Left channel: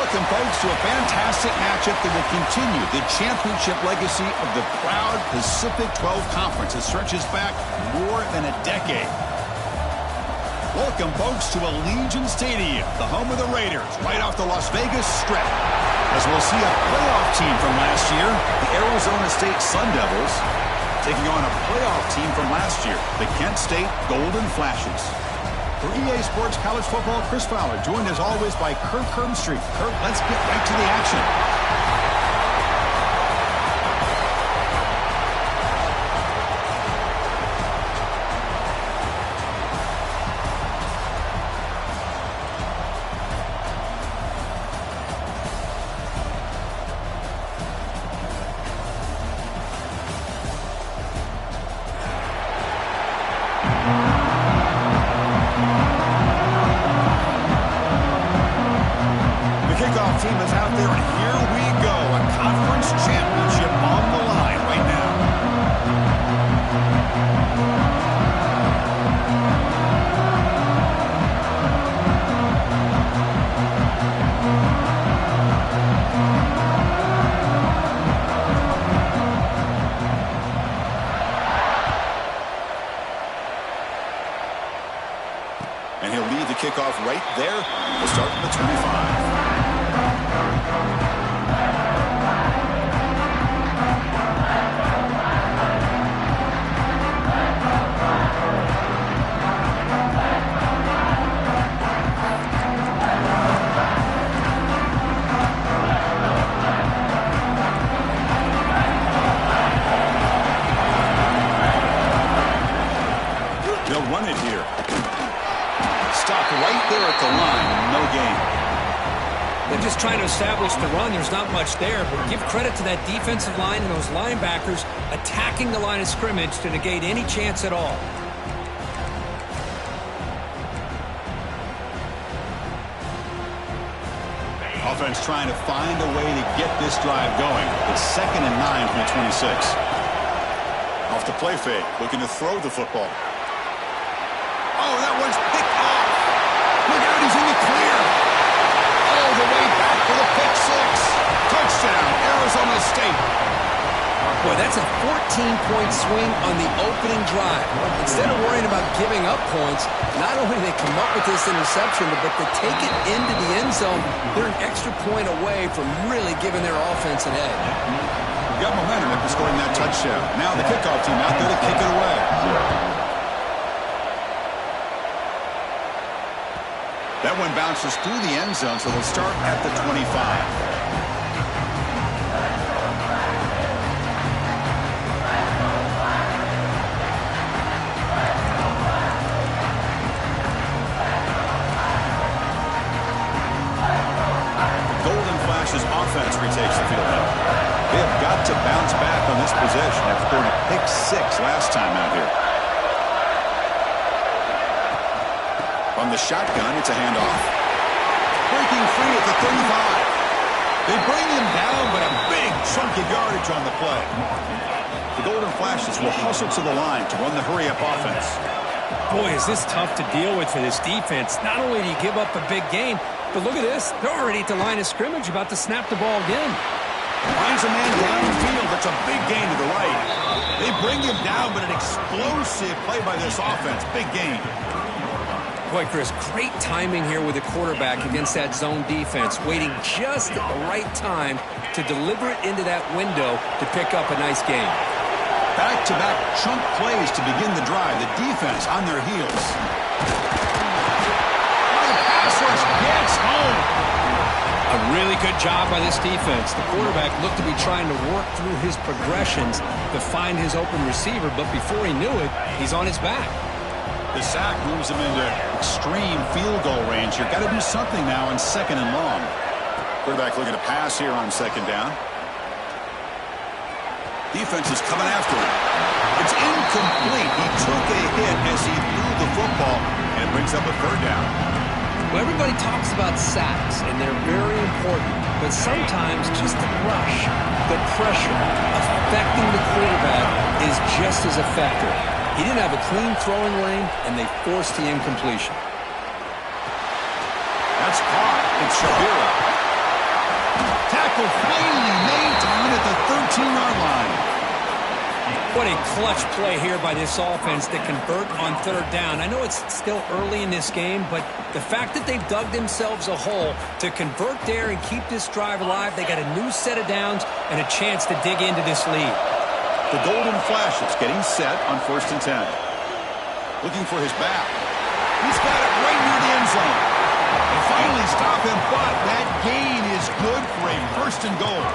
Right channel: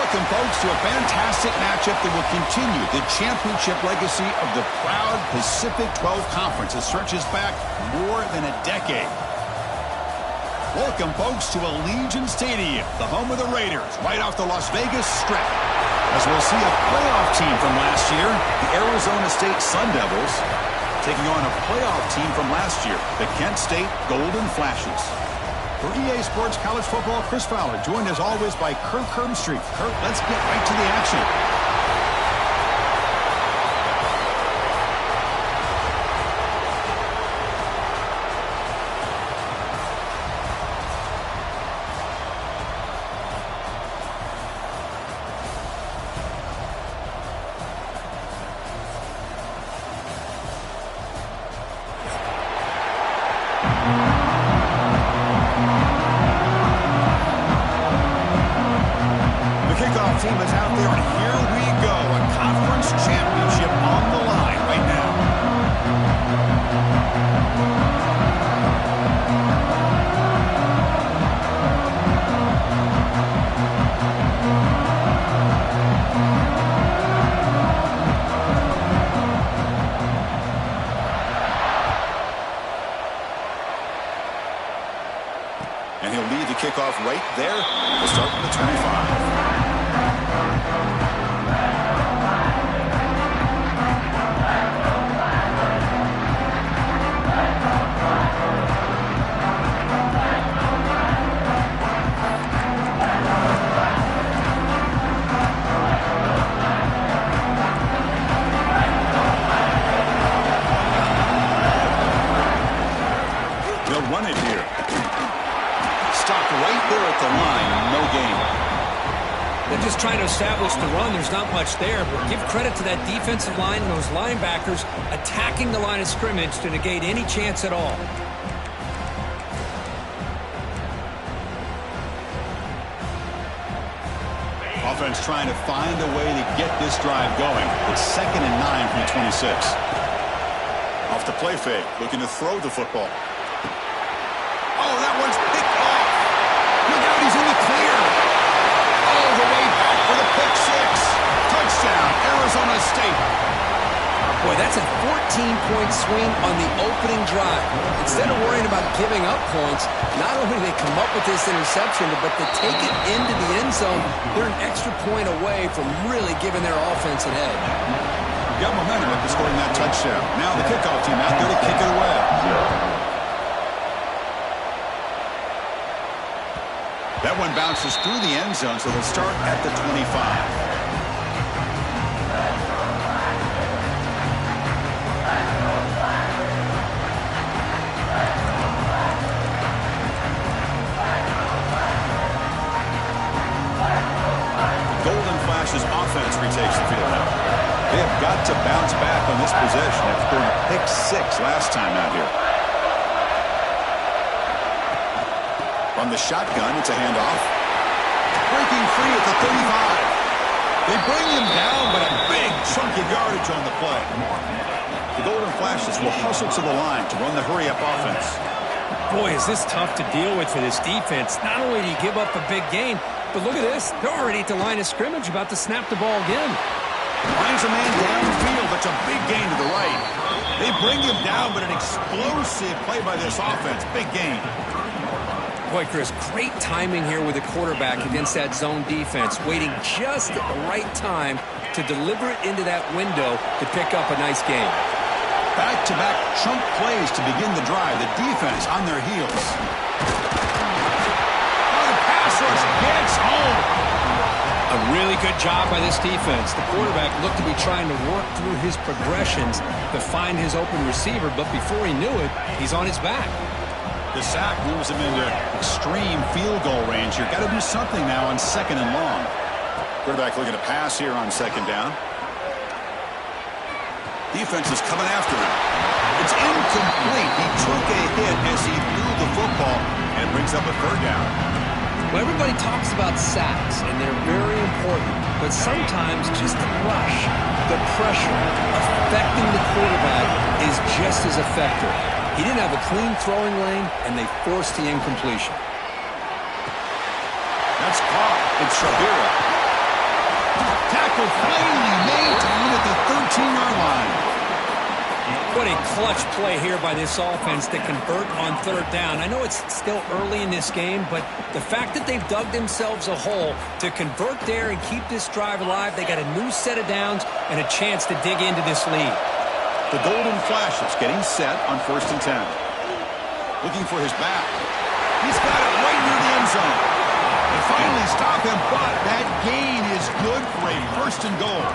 Welcome, folks, to a fantastic matchup that will continue the championship legacy of the proud Pacific 12 Conference that stretches back more than a decade. Welcome, folks, to Allegiant Stadium, the home of the Raiders, right off the Las Vegas Strip. As we'll see a playoff team from last year, the Arizona State Sun Devils, taking on a playoff team from last year, the Kent State Golden Flashes. For EA Sports College Football, Chris Fowler, joined as always by Kirk Herbstreit. Kirk, let's get right to the action. Team is out there, and here we go. A conference championship on the line right now. And he'll lead the kickoff right there. We'll start from the 25. They'll run it here. Stopped right there at the line. No gain. They're just trying to establish the run. There's not much there, but give credit to that defensive line and those linebackers attacking the line of scrimmage to negate any chance at all. Offense trying to find a way to get this drive going. It's 2nd and 9 from the 26. Off the play fake, looking to throw the football. Oh, that one's picked off. Look out, he's in the clear. All the way back for the pick six. Touchdown, Arizona State. Boy, that's a 14-point swing on the opening drive. Instead of worrying about giving up points, not only do they come up with this interception, but to take it into the end zone, they're an extra point away from really giving their offense an edge. Got momentum after scoring that touchdown. Now the kickoff team out there to kick it away. That one bounces through the end zone, so they'll start at the 25. The Golden Flashes offense retakes the field now. They have got to bounce back on this possession after throwing a pick six last time out here. On the shotgun, it's a handoff. Breaking free at the 35. They bring him down, but a big chunk of yardage on the play. The Golden Flashes will hustle to the line to run the hurry-up offense. Boy, is this tough to deal with for this defense. Not only do you give up a big gain, but look at this. They're already at the line of scrimmage, about to snap the ball again. Finds a man downfield. That's a big gain to the right. They bring him down, but an explosive play by this offense. Big gain. Boy, Chris, great timing here with the quarterback against that zone defense, waiting just at the right time to deliver it into that window to pick up a nice gain. Back-to-back chunk plays to begin the drive. The defense on their heels. Oh, the pass rush gets home. A really good job by this defense. The quarterback looked to be trying to work through his progressions to find his open receiver, but before he knew it, he's on his back. The sack moves him into extreme field goal range here. Got to do something now on 2nd and long. Quarterback looking to pass here on 2nd down. Defense is coming after him. It's incomplete. He took a hit as he threw the football, and it brings up a 3rd down. Well, everybody talks about sacks, and they're very important. But sometimes just the rush, the pressure, affecting the quarterback is just as effective. He didn't have a clean throwing lane, and they forced the incompletion. That's caught. It's Shabira. Tackle finally made down at the 13-yard line. What a clutch play here by this offense to convert on third down. I know it's still early in this game, but the fact that they've dug themselves a hole to convert there and keep this drive alive, they got a new set of downs and a chance to dig into this lead. The Golden Flashes getting set on 1st and 10. Looking for his back. He's got it right near the end zone. They finally stop him, but that gain is good for a 1st and goal.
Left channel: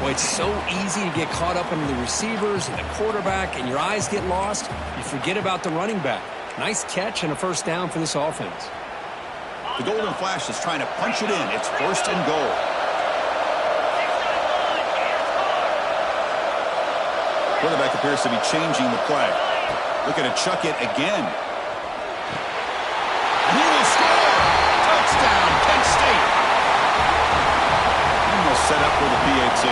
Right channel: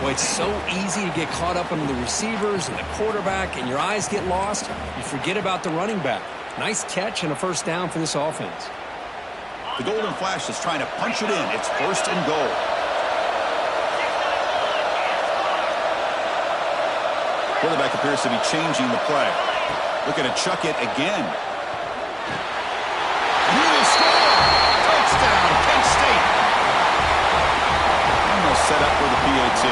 Boy, it's so easy to get caught up on the receivers and the quarterback, and your eyes get lost. You forget about the running back. Nice catch and a 1st down for this offense. The Golden Flash is trying to punch it in. It's 1st and goal. Quarterback appears to be changing the play. Looking to chuck it again. And he will score! Touchdown, Kent State! And they'll set up for the PAT.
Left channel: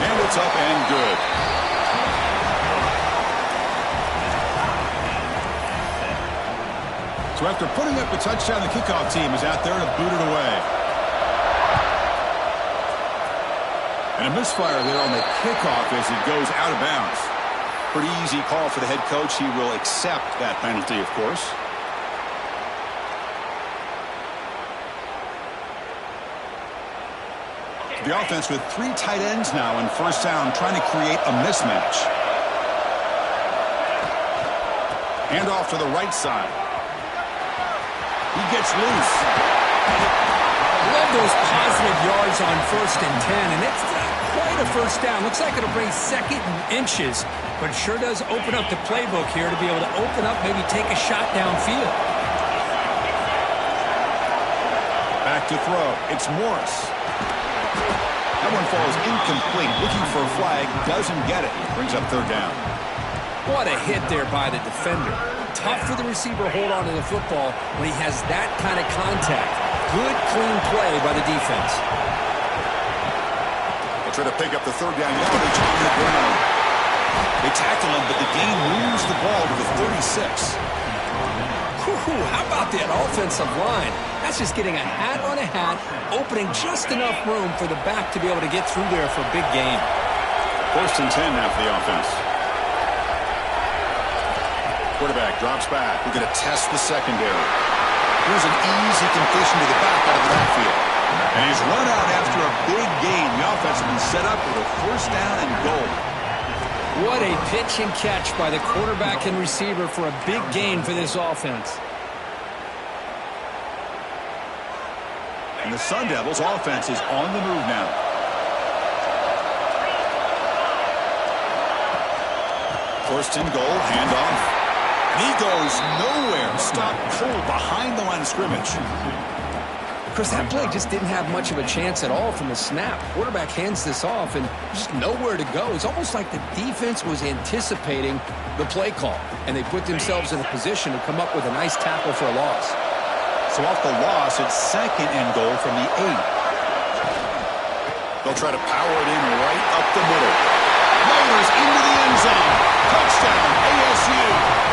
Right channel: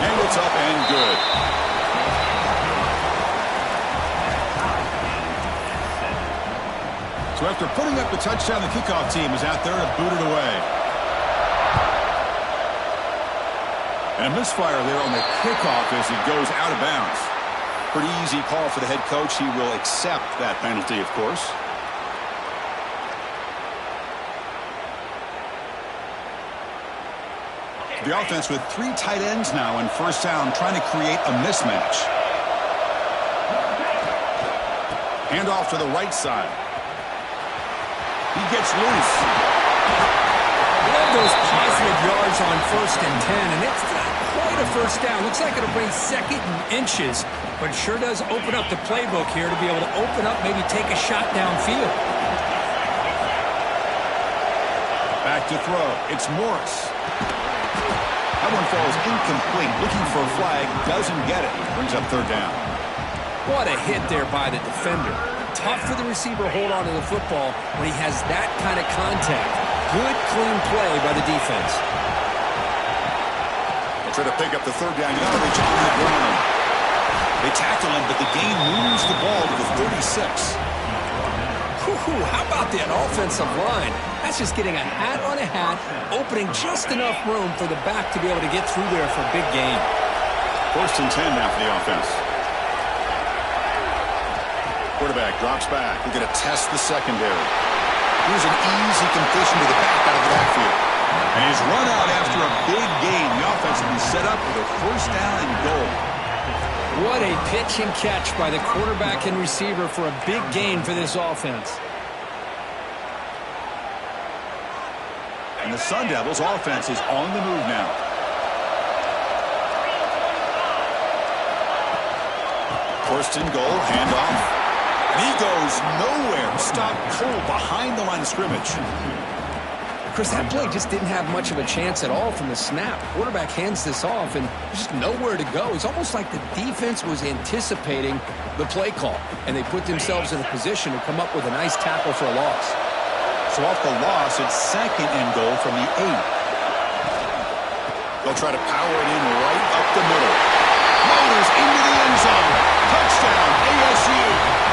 And it's up and good. So after putting up a touchdown, the kickoff team is out there to boot it away. And a misfire there on the kickoff as it goes out of bounds. Pretty easy call for the head coach. He will accept that penalty, of course. The offense with 3 tight ends now in 1st down, trying to create a mismatch. Hand off to the right side. He gets loose. Love those positive yards on 1st and 10, and it's not quite a 1st down. Looks like it'll bring 2nd and inches, but it sure does open up the playbook here to be able to open up, maybe take a shot downfield. Back to throw. It's Morris. That one falls incomplete. Looking for a flag. Doesn't get it. Brings up 3rd down. What a hit there by the defender. Tough for the receiver to hold on to the football when he has that kind of contact. Good, clean play by the defense. They'll try to pick up the 3rd down yardage on the ground. They tackle him, but the gain moves the ball to the 36. How about that offensive line? That's just getting a hat on a hat, opening just enough room for the back to be able to get through there for a big gain. 1st and 10 now for the offense. Quarterback drops back. We're going to test the secondary. Here's an easy completion to the back out of the backfield. And he's run out after a big gain. The offense will be set up with a 1st down and goal. What a pitch and catch by the quarterback and receiver for a big gain for this offense. And the Sun Devils offense is on the move now. First and goal, handoff. And he goes nowhere. Stopped cold behind the line of scrimmage. Chris, that play just didn't have much of a chance at all from the snap. Quarterback hands this off and just nowhere to go. It's almost like the defense was anticipating the play call, and they put themselves in a position to come up with a nice tackle for a loss. So off the loss, it's 2nd and goal from the 8. They'll try to power it in right up the middle. Motors into the end zone. Touchdown, ASU.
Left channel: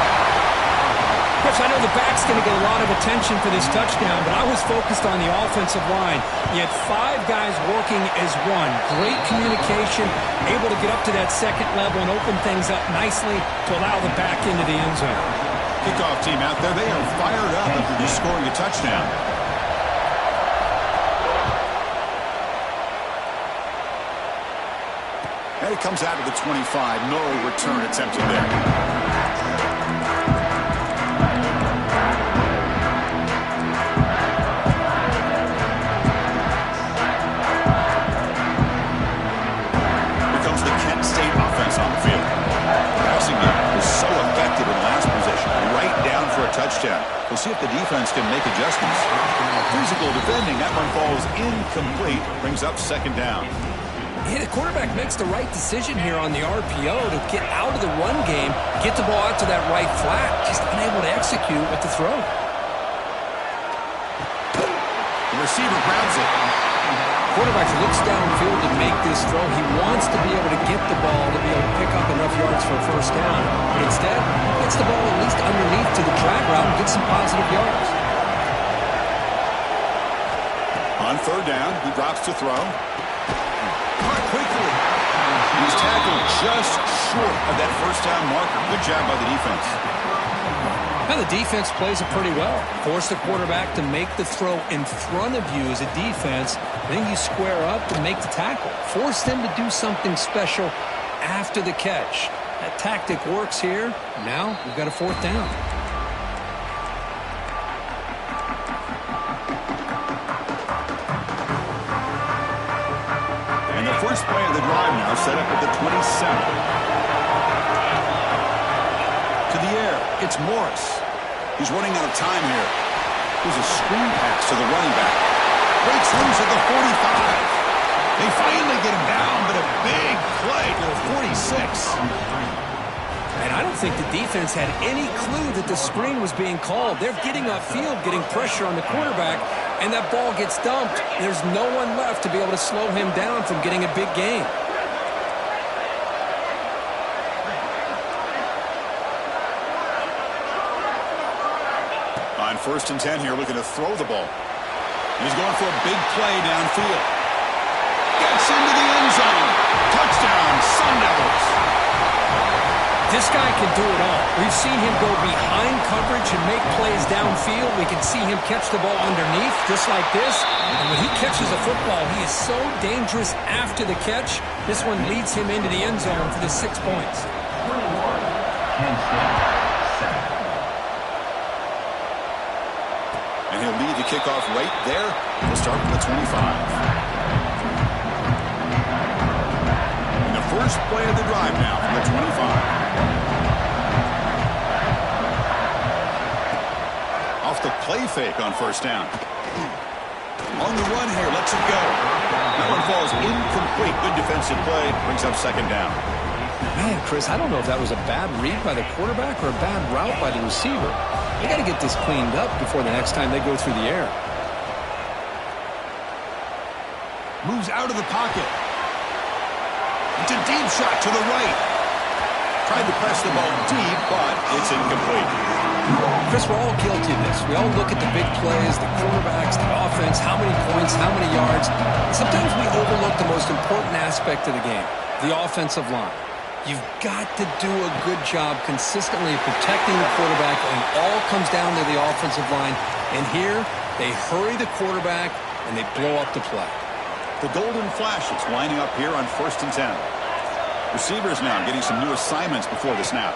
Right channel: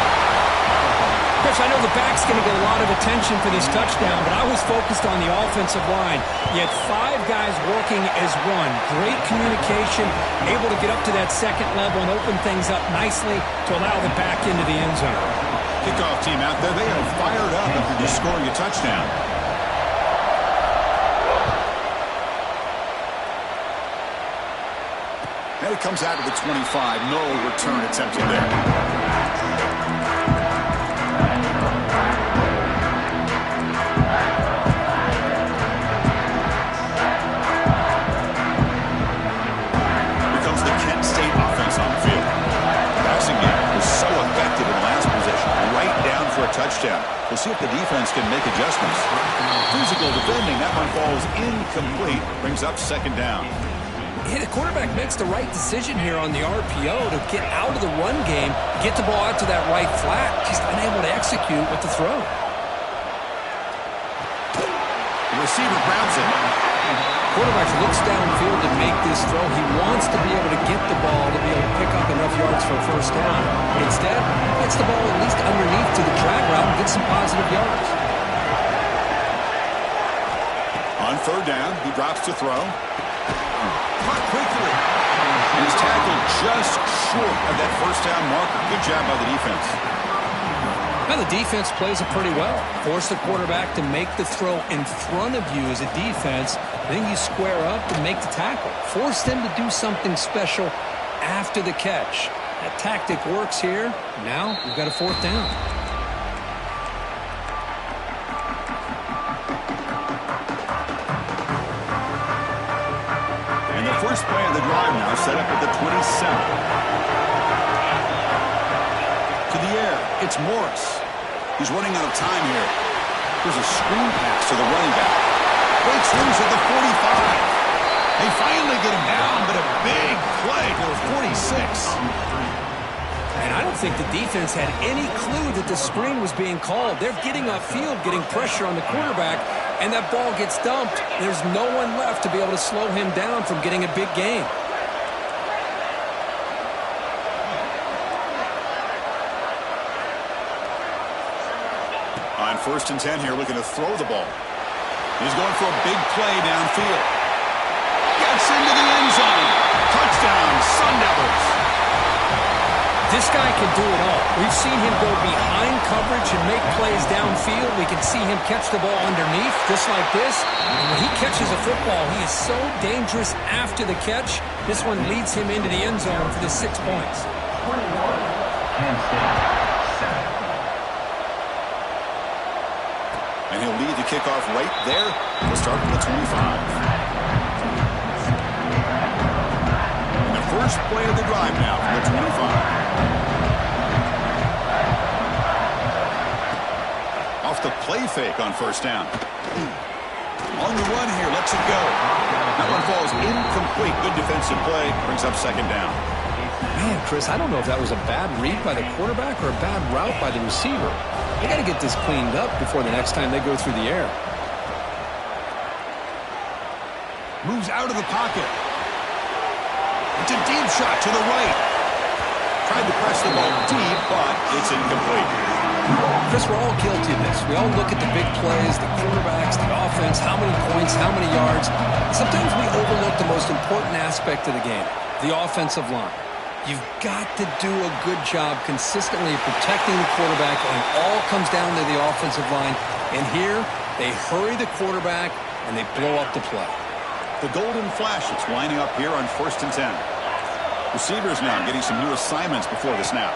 Chris, I know the back's going to get a lot of attention for this touchdown, but I was focused on the offensive line. You had 5 guys working as one. Great communication, able to get up to that 2nd level and open things up nicely to allow the back into the end zone. Kickoff team out there, they are fired up after just scoring a touchdown. And it comes out to the 25. No return attempted there. For a touchdown. We'll see if the defense can make adjustments. Physical defending. That one falls incomplete. Brings up 2nd down. Yeah, the quarterback makes the right decision here on the RPO to get out of the run game, get the ball out to that right flat, just unable to execute with the throw. The receiver grabs it. Quarterback looks downfield to make this throw. He wants to be able to get the ball to be able to pick up enough yards for a 1st down. Instead, he gets the ball at least underneath to the drag route and gets some positive yards. On third down, he drops to throw. Caught quickly. And he's tackled just short of that first down marker. Good job by the defense. Now the defense plays it pretty well. Force the quarterback to make the throw in front of you as a defense. Then you square up and make the tackle. Force them to do something special after the catch. That tactic works here. Now we've got a fourth down. And the first play of the drive now set up at the 27. To the air, it's Morris. He's running out of time here. There's a screen pass to the running back. Breaks loose at the 45. They finally get him down, but a big play to the 46. And I don't think the defense had any clue that the screen was being called. They're getting upfield, getting pressure on the quarterback, and that ball gets dumped. There's no one left to be able to slow him down from getting a big gain. On 1st and 10 here, looking to throw the ball. He's going for a big play downfield. Gets into the end zone. Touchdown, Sun Devils. This guy can do it all. We've seen him go behind coverage and make plays downfield. We can see him catch the ball underneath, just like this. And when he catches a football, he is so dangerous after the catch. This one leads him into the end zone for the 6 points. 21, Penn State, 7. And he'll lead the kickoff right there. He'll start from the 25. And the first play of the drive now from the 25. Off the play fake on 1st down. On the run here, lets it go. That one falls incomplete. Good defensive play. Brings up 2nd down. Man, Chris, I don't know if that was a bad read by the quarterback or a bad route by the receiver. They got to get this cleaned up before the next time they go through the air. Moves out of the pocket. It's a deep shot to the right. Tried to press the ball deep, but it's incomplete. Chris, we're all guilty of this. We all look at the big plays, the quarterbacks, the offense, how many points, how many yards. Sometimes we overlook the most important aspect of the game, the offensive line. You've got to do a good job consistently of protecting the quarterback, and it all comes down to the offensive line. And here, they hurry the quarterback, and they blow up the play. The Golden Flashes lining up here on 1st and 10. Receivers now getting some new assignments before the snap.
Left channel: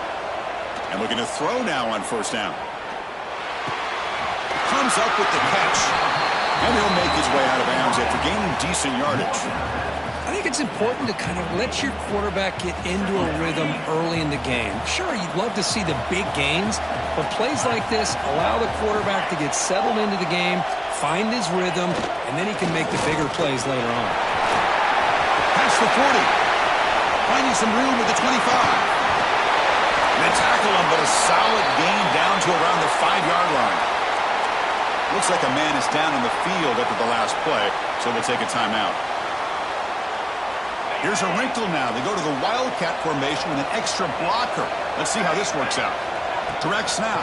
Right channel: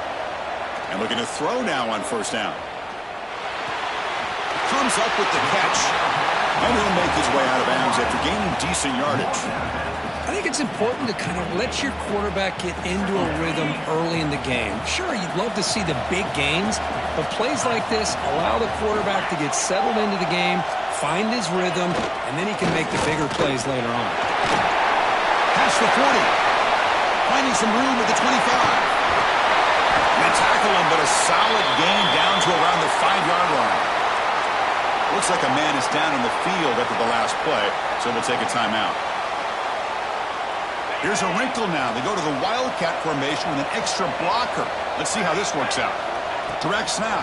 And looking to throw now on 1st down. Comes up with the catch. And he'll make his way out of bounds after gaining decent yardage. I think it's important to kind of let your quarterback get into a rhythm early in the game. Sure, you'd love to see the big gains, but plays like this allow the quarterback to get settled into the game, find his rhythm, and then he can make the bigger plays later on. Past the 40. Finding some room at the 25. And they tackle him, but a solid gain down to around the 5-yard line. Looks like a man is down in the field after the last play, so we'll take a timeout. Here's a wrinkle now. They go to the Wildcat formation with an extra blocker. Let's see how this works out. Direct snap.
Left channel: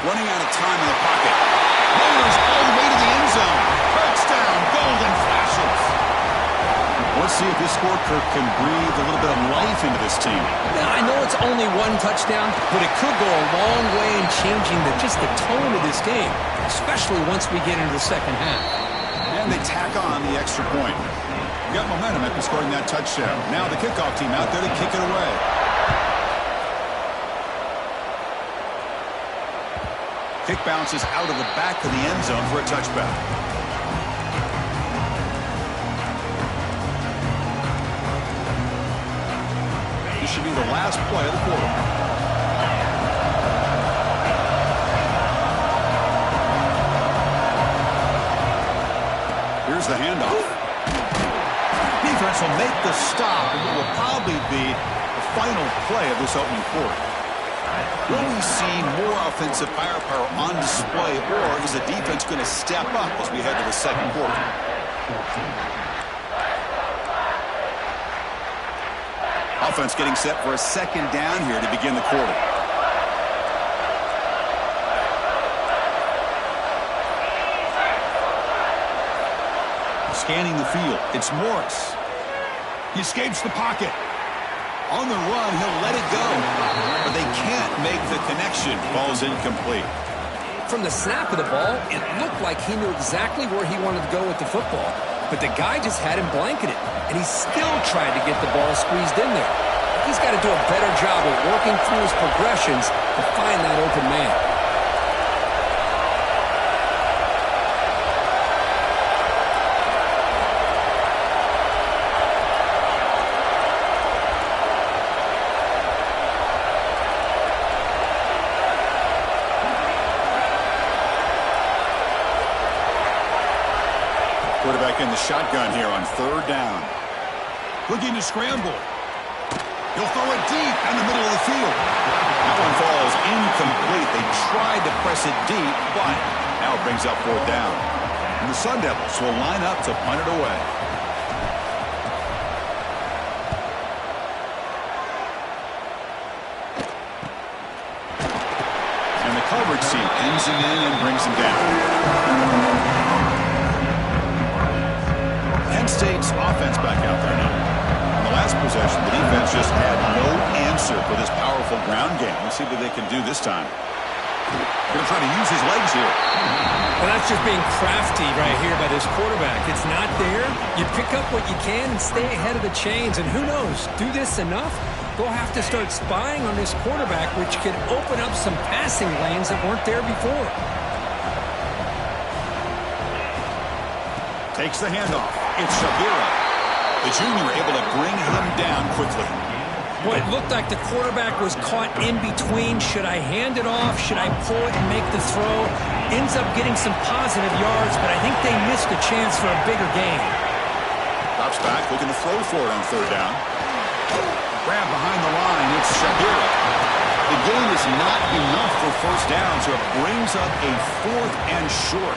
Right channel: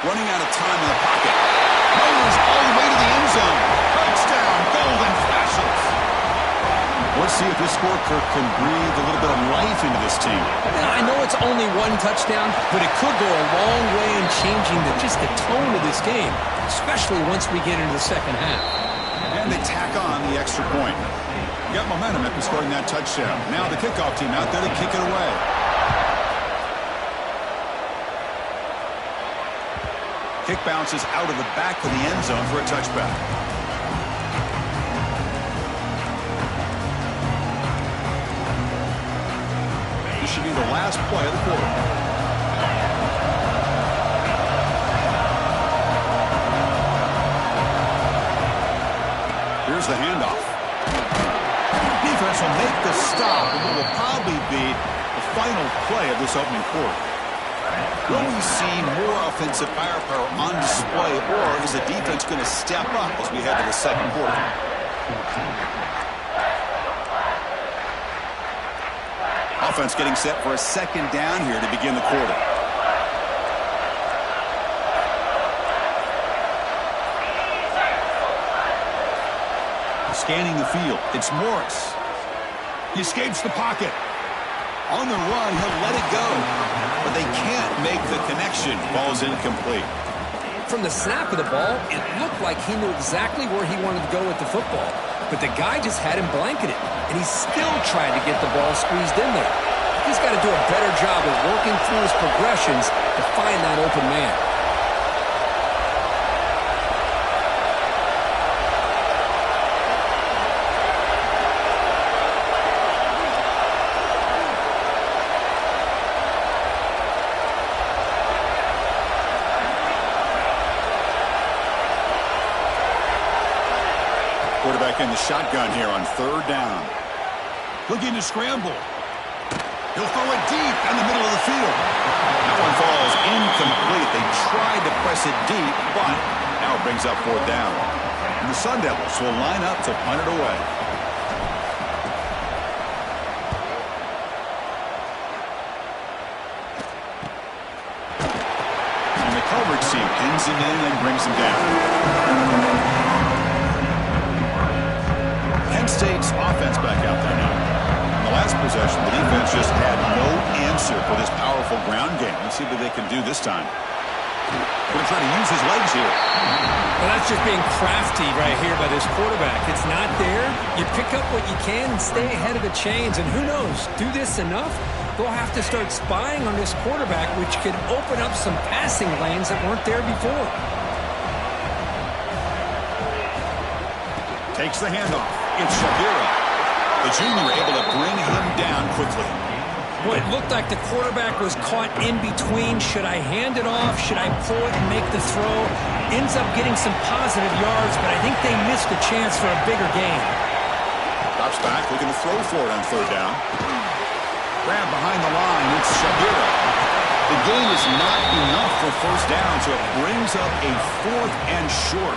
Running out of time in the pocket. Motors all the way to the end zone. Touchdown, Golden Flashes. Let's see if this score, Kirk, can breathe a little bit of life into this team. Now, I know it's only one touchdown, but it could go a long way in changing just the tone of this game, especially once we get into the second half. And they tack on the extra point. Got momentum after scoring that touchdown. Now the kickoff team out there to kick it away. Kick bounces out of the back of the end zone for a touchback. This should be the last play of the quarter. Here's the handoff. Defense will make the stop, and what will probably be the final play of this opening quarter. Will we see more offensive firepower on display, or is the defense going to step up as we head to the second quarter? Offense getting set for a 2nd down here to begin the quarter. Scanning the field, it's Morris. He escapes the pocket. On the run, he'll let it go. But they can't make the connection. Ball's incomplete. From the snap of the ball, it looked like he knew exactly where he wanted to go with the football. But the guy just had him blanketed, and he still tried to get the ball squeezed in there. He's got to do a better job of working through his progressions to find that open man. Quarterback in the shotgun here on 3rd down. Looking to scramble. He'll throw it deep in the middle of the field. That one falls incomplete. They tried to press it deep, but now it brings up 4th down. And the Sun Devils will line up to punt it away. And the coverage team pins him in and brings him down. Penn State's offense back out there now. In the last possession, the defense just had no answer for this powerful ground game. Let's see what they can do this time. Going to try to use his legs here. Well, that's just being crafty right here by this quarterback. It's not there. You pick up what you can and stay ahead of the chains. And who knows, do this enough, they'll have to start spying on this quarterback, which could open up some passing lanes that weren't there before. Takes the handoff. It's Shabira. The junior able to bring him down quickly. Boy, it looked like the quarterback was caught in between. Should I hand it off? Should I pull it and make the throw? Ends up getting some positive yards, but I think they missed a chance for a bigger gain. Drops back, looking to throw for it on 3rd down. Grab behind the line. It's Shabira. The gain is not enough for 1st down, so it brings up a 4th and short.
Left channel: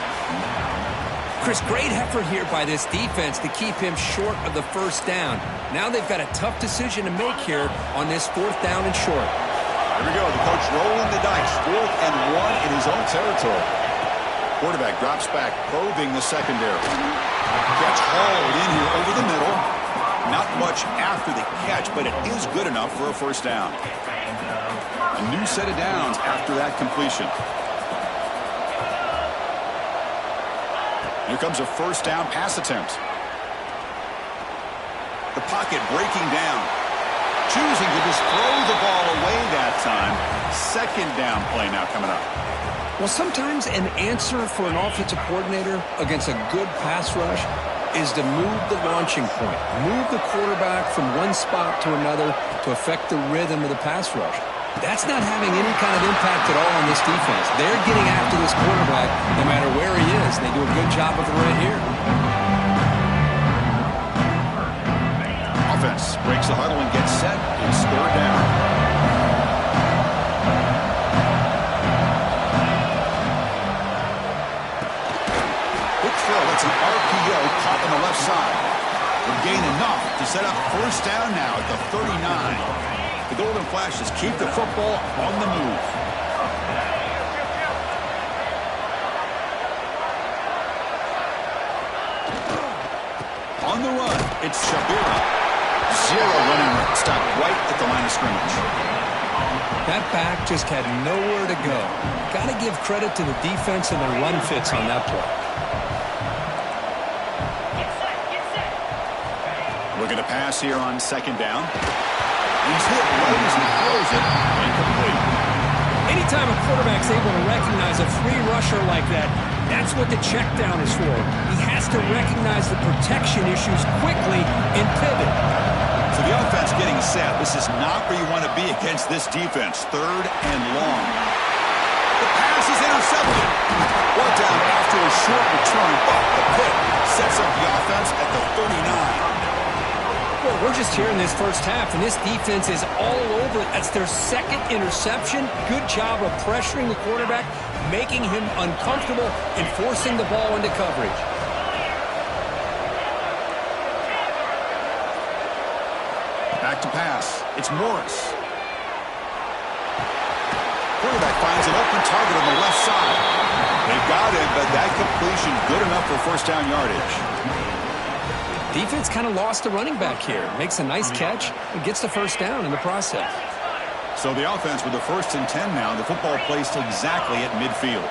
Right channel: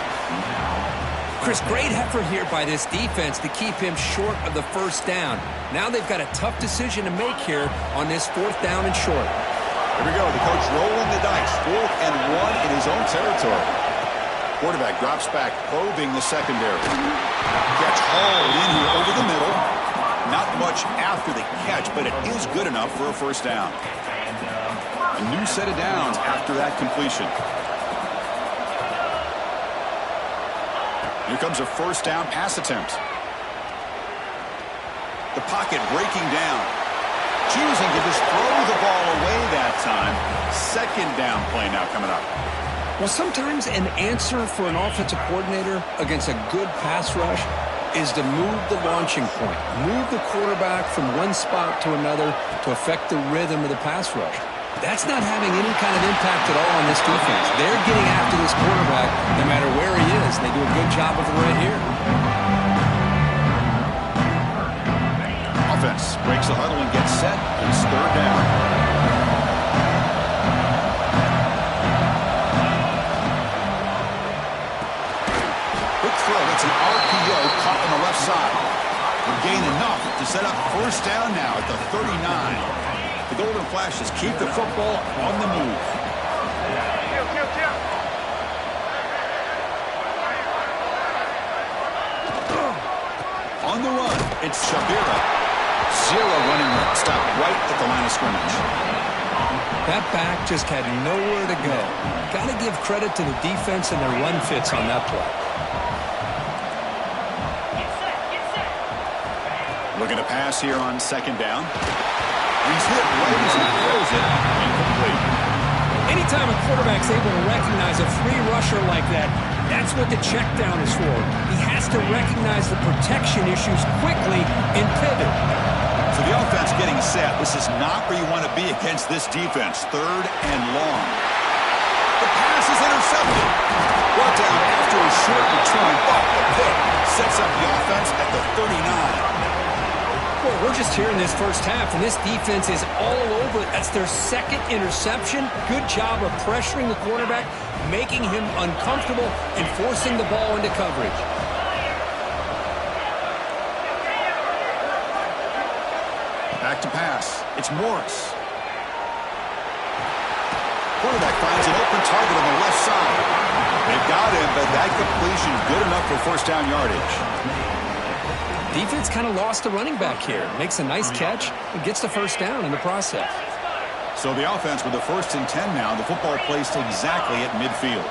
Chris, great effort here by this defense to keep him short of the 1st down. Now they've got a tough decision to make here on this 4th down and short. Here we go. The coach rolling the dice. 4th and 1 in his own territory. Quarterback drops back, probing the secondary. Catch hauled in here over the middle. Not much after the catch, but it is good enough for a 1st down. A new set of downs after that completion. Here comes a 1st down pass attempt. The pocket breaking down. Choosing to just throw the ball away that time. 2nd down play now coming up. Well, sometimes an answer for an offensive coordinator against a good pass rush is to move the launching point. Move the quarterback from one spot to another to affect the rhythm of the pass rush. That's not having any kind of impact at all on this defense. They're getting after this quarterback no matter where he is. They do a good job of it right here. Offense breaks the huddle and gets set. It's 3rd down. Quick throw. That's an RPO caught on the left side. Would gain enough to set up 1st down now at the 39. The Golden Flashes keep the football on the move. On the run, it's Shabira. 0 running room. Stopped right at the line of scrimmage. That back just had nowhere to go. Got to give credit to the defense and their run fits on that play. Looking to pass here on 2nd down. He's hit right as he throws it. Incomplete. Anytime a quarterback's able to recognize a free rusher like that, that's what the check down is for. He has to recognize the protection issues quickly and pivot. So the offense getting set. This is not where you want to be against this defense. 3rd and long. The pass is intercepted. Brought down after a short return, but the pick sets up the offense at the 39. Well, we're just here in this 1st half, and this defense is all over it. That's their 2nd interception. Good job of pressuring the quarterback, making him uncomfortable, and forcing the ball into coverage. Back to pass. It's Morris. Quarterback finds an open target on the left side. They've got him, but that completion good enough for 1st down yardage. Defense kind of lost the running back here. Makes a nice catch and gets the first down in the process. So the offense with the 1st and 10 now. The football placed exactly at midfield.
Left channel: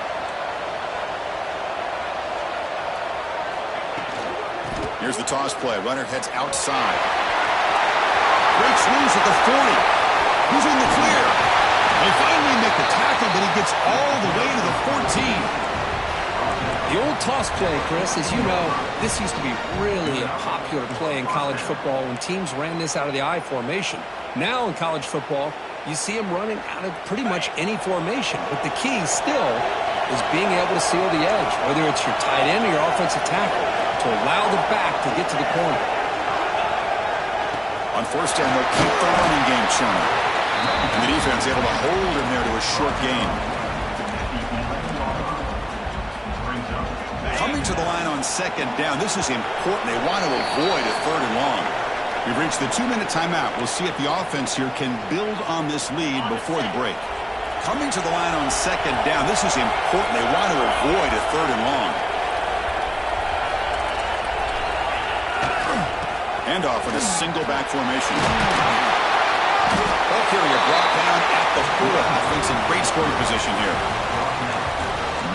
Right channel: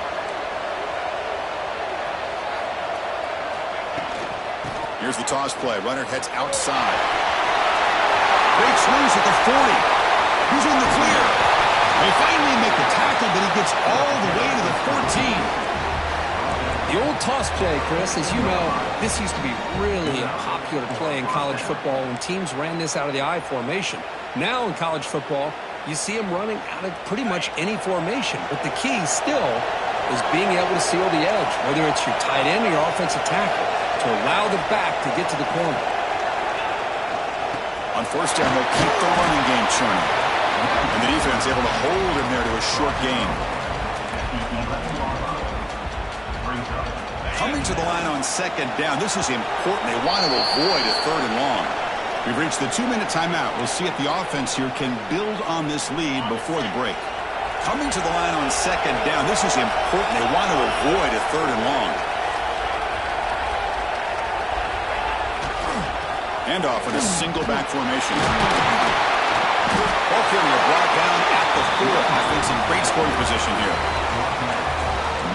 Here's the toss play. Runner heads outside. Breaks loose at the 40. He's in the clear. They finally make the tackle, but he gets all the way to the 14. The old toss play, Chris, as you know, this used to be really a popular play in college football when teams ran this out of the I formation. Now in college football, you see them running out of pretty much any formation. But the key still is being able to seal the edge, whether it's your tight end or your offensive tackle, to allow the back to get to the corner. On 1st down, they'll keep the running game churning. And the defense able to hold him there to a short gain. Coming to the line on 2nd down. This is important. They want to avoid a 3rd and long. We've reached the 2-minute timeout. We'll see if the offense here can build on this lead before the break. Coming to the line on 2nd down. This is important. They want to avoid a 3rd and long. Handoff in a single back formation. Ball carrier brought down at the 4. Offense in great scoring position here.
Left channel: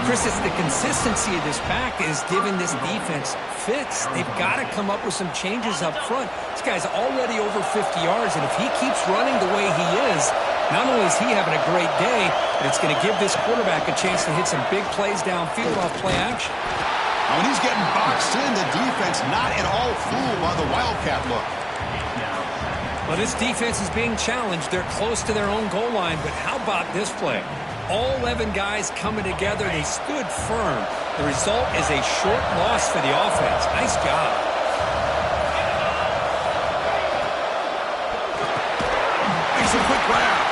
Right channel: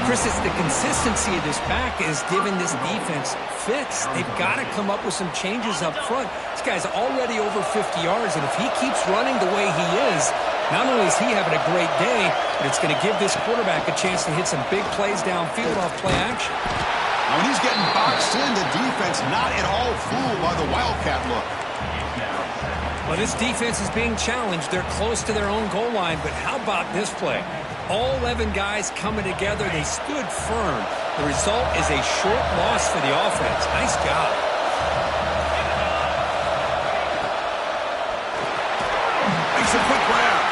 Chris, it's the consistency of this back is giving this defense fits. They've got to come up with some changes up front. This guy's already over 50 yards, and if he keeps running the way he is, not only is he having a great day, but it's going to give this quarterback a chance to hit some big plays downfield off play action. Now, when he's getting boxed in, the defense not at all fooled by the Wildcat look. Well, this defense is being challenged. They're close to their own goal line, but how about this play? All 11 guys coming together. They stood firm. The result is a short loss for the offense. Nice job. Makes a quick grab.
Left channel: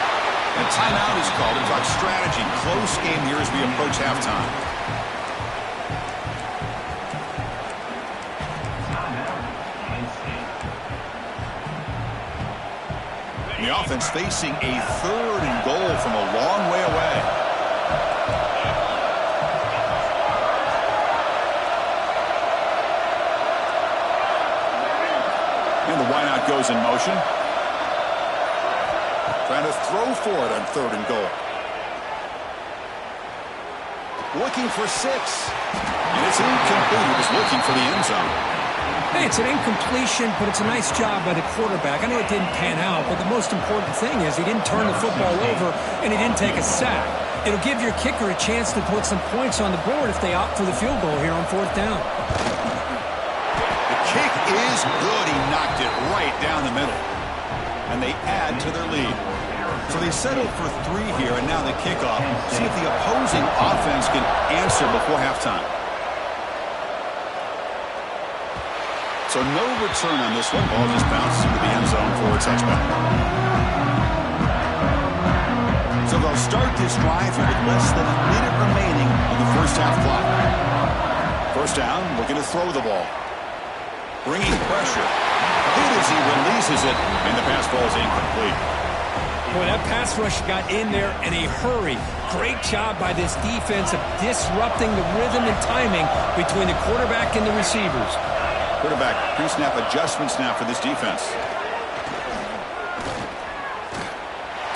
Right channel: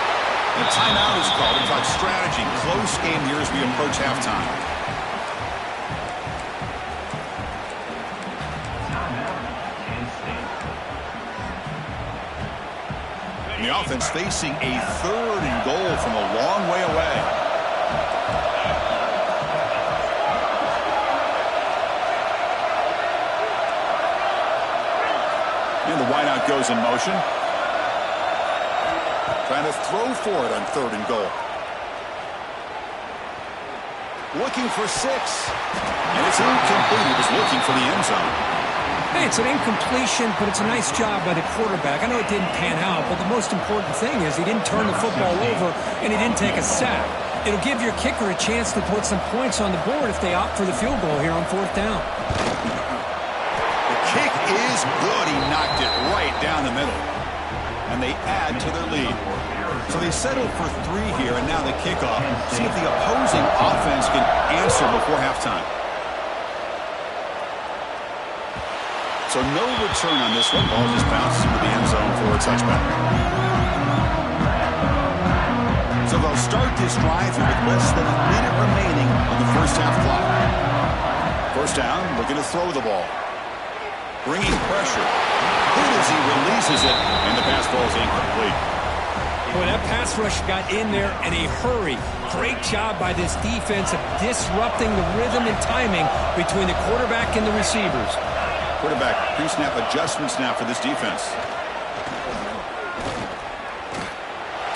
And a timeout is called to talk strategy. Close game here as we approach halftime. The offense facing a 3rd and goal from a long way away. And the wideout goes in motion. Trying to throw for it on 3rd and goal. Looking for 6. And it's incomplete. He was looking for the end zone. Hey, it's an incompletion, but it's a nice job by the quarterback. I know it didn't pan out, but the most important thing is he didn't turn the football over and he didn't take a sack. It'll give your kicker a chance to put some points on the board if they opt for the field goal here on 4th down. The kick is good. He knocked it right down the middle. And they add to their lead. So they settled for 3 here, and now the kickoff. See if the opposing offense can answer before halftime. So no return on this one. Ball just bounces into the end zone for a touchback. So they'll start this drive here with less than a minute remaining on the 1st half clock. 1st down, looking to throw the ball. Bringing pressure. Hit as he releases it, and the pass ball is incomplete. Boy, that pass rush got in there in a hurry. Great job by this defense of disrupting the rhythm and timing between the quarterback and the receivers. Quarterback pre-snap adjustments now for this defense.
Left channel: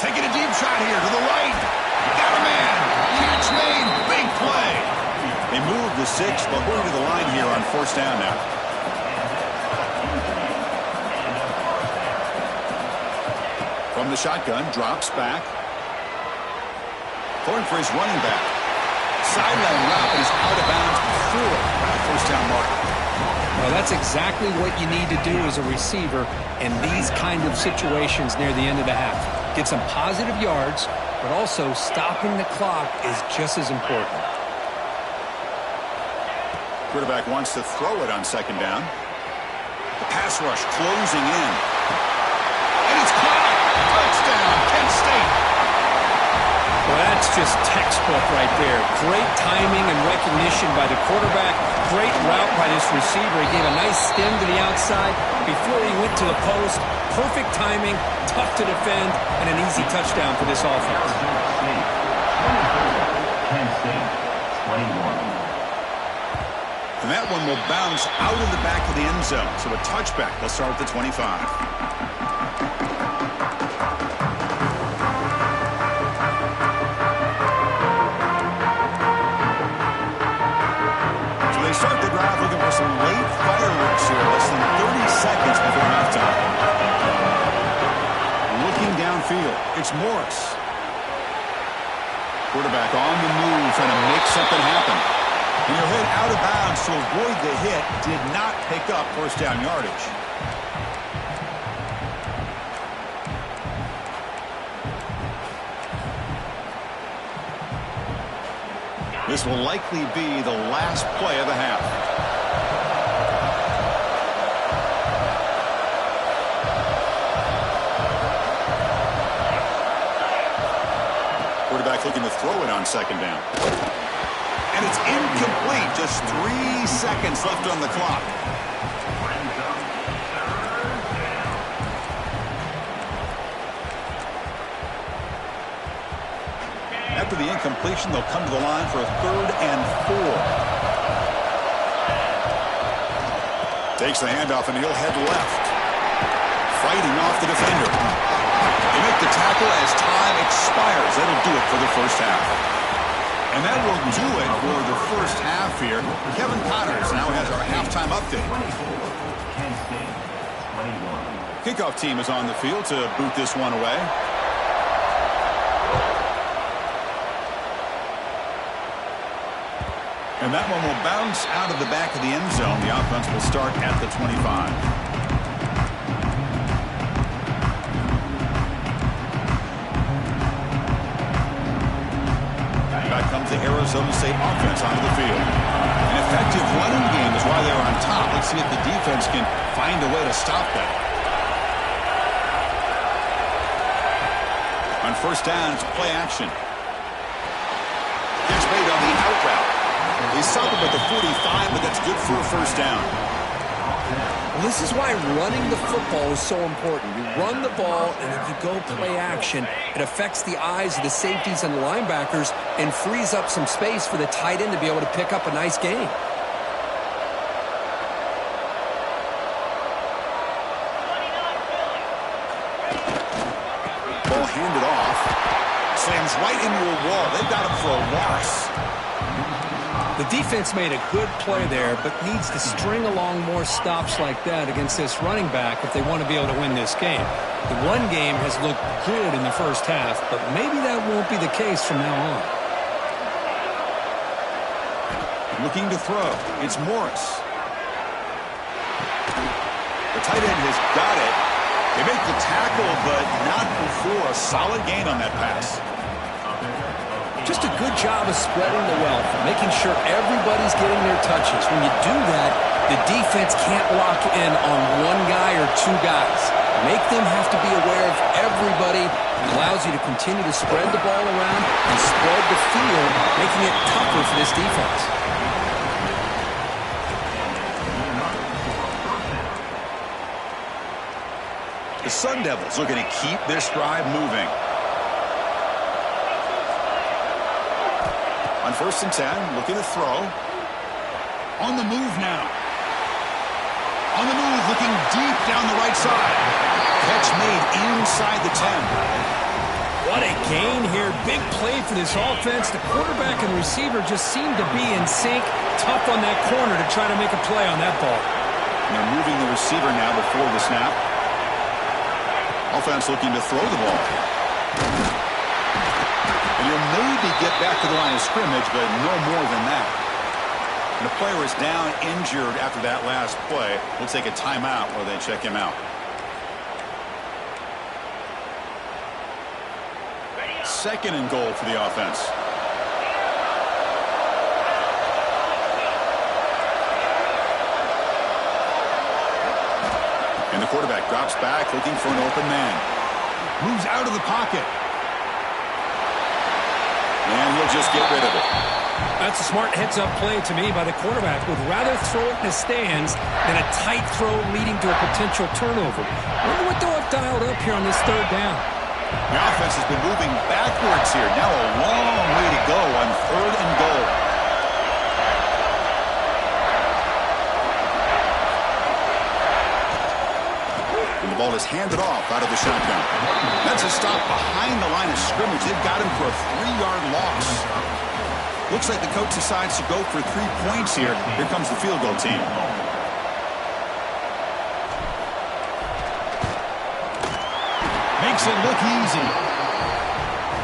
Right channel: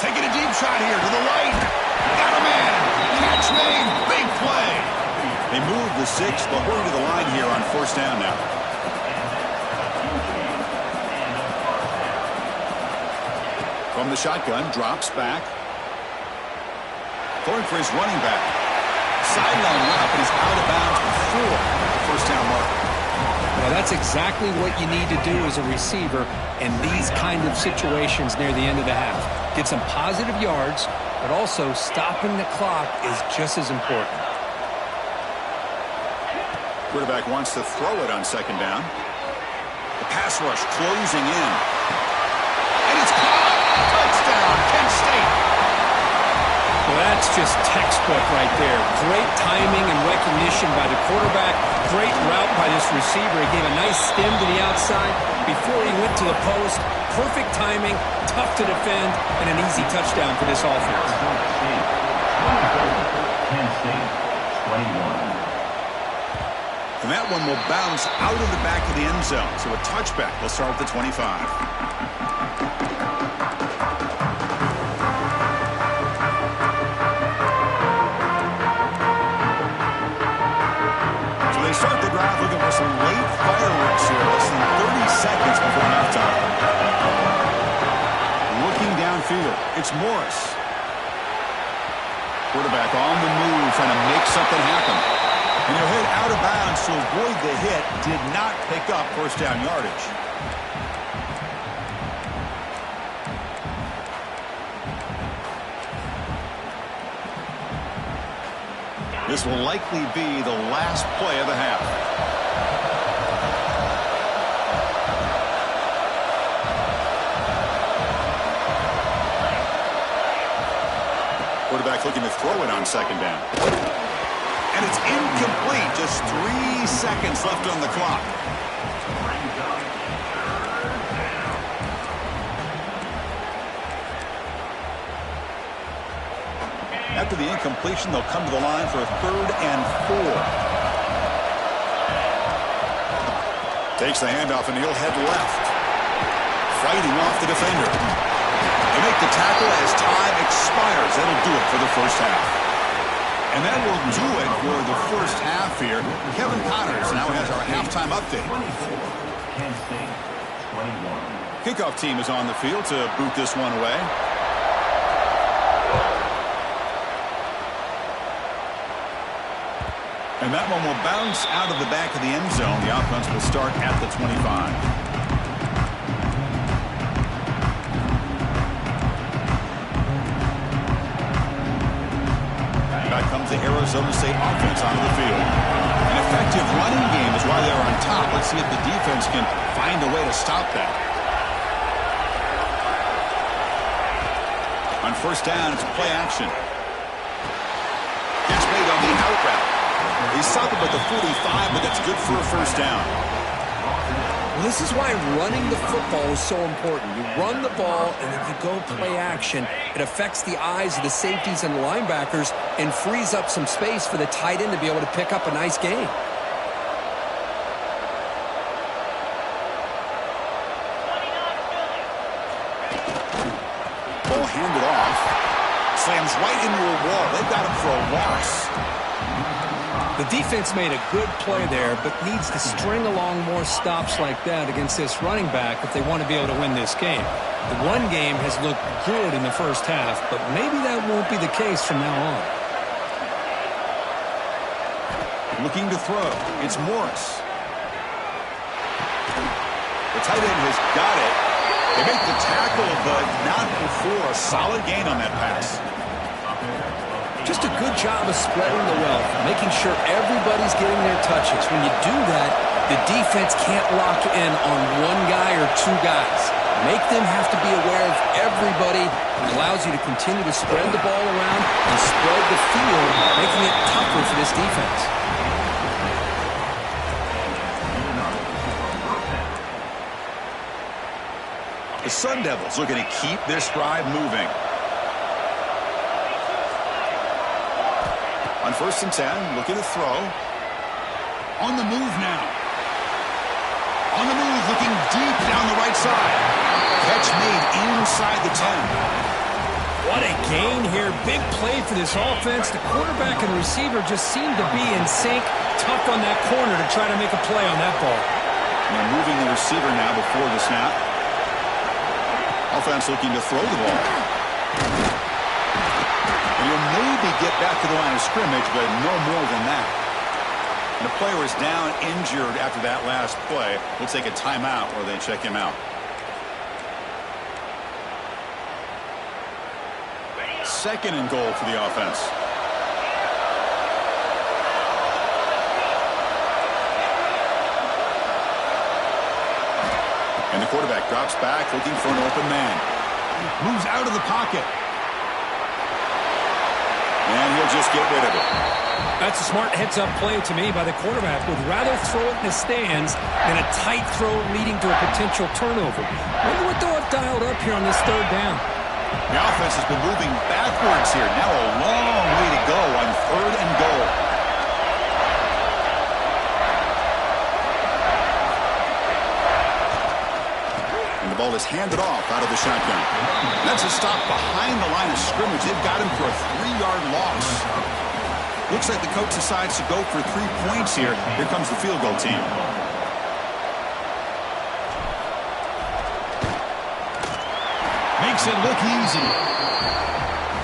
Taking a deep shot here to the right. Got a man. Catch made. Big play. They move the 6. They'll hurry to the line here on 1st down now. From the shotgun, drops back. Going for his running back. Sideline route, but he's out of bounds before the 1st down marker. Well, that's exactly what you need to do as a receiver in these kind of situations near the end of the half. Get some positive yards, but also stopping the clock is just as important. Quarterback wants to throw it on 2nd down. The pass rush closing in. And it's caught! Touchdown, Kent State! Well, that's just textbook right there. Great timing and recognition by the quarterback. Great route by this receiver. He gave a nice stem to the outside before he went to the post. Perfect timing, tough to defend, and an easy touchdown for this offense. Kent State, 21. And that one will bounce out of the back of the end zone. So a touchback. They'll start at the 25. So they start the drive looking for some late fireworks here. Less than 30 seconds before halftime. Looking downfield. It's Morris. Quarterback on the move, trying to make something happen. And he'll hit out of bounds to avoid the hit. Did not pick up first down yardage. This will likely be the last play of the half. Quarterback looking to throw it on second down. And it's incomplete. Just 3 seconds left on the clock. After the incompletion, they'll come to the line for a 3rd and 4. Takes the handoff, and he'll head left. Fighting off the defender. They make the tackle as time expires. That'll do it for the first half. And that will do it for the first half here. Kevin Connors now has our halftime update. 24, Kent State, 21. Kickoff team is on the field to boot this one away. And that one will bounce out of the back of the end zone. The offense will start at the 25. Back comes the Arizona State offense onto the field. An effective running game is why they're on top. Let's see if the defense can find a way to stop that. On first down, it's play action. Catch made on the out route. He stopped him at the 45, but that's good for a first down. Well, this is why running the football is so important. You run the ball, and if you go play action, it affects the eyes of the safeties and the linebackers and frees up some space for the tight end to be able to pick up a nice gain. Ball handed off. Slams right into a wall. They've got him for a loss. The defense made a good play there, but needs to string along more stops like that against this running back if they want to be able to win this game. The run game has looked good in the first half, but maybe that won't be the case from now on. Looking to throw. It's Morris. The tight end has got it. They make the tackle, but not before a solid gain on that pass. Just a good job of spreading the wealth, making sure everybody's getting their touches. When you do that, the defense can't lock in on one guy or two guys. Make them have to be aware of everybody. It allows you to continue to spread the ball around and spread the field, making it tougher for this defense. The Sun Devils looking to keep this drive moving. On first and 10, looking to throw. On the move now. On the move, looking deep down the right side. Catch made inside the 10. What a gain here. Big play for this offense. The quarterback and receiver just seem to be in sync. Tough on that corner to try to make a play on that ball. And they're moving the receiver now before the snap. Offense looking to throw the ball. And you'll maybe get back to the line of scrimmage, but no more than that. And a player is down injured after that last play. We'll take a timeout while they check him out. Second and goal for the offense. And the quarterback drops back looking for an open man. Moves out of the pocket. And he'll just get rid of it. That's a smart heads-up play to me by the quarterback. Would rather throw it in the stands than a tight throw leading to a potential turnover. Wonder what they'll have dialed up here on this third down. The offense has been moving backwards here. Now a long way to go on third and goal. ball is handed off out of the shotgun. That's a stop behind the line of scrimmage. They've got him for a 3-yard loss. Looks like the coach decides to go for 3 points here. Here comes the field goal team. Makes it look easy.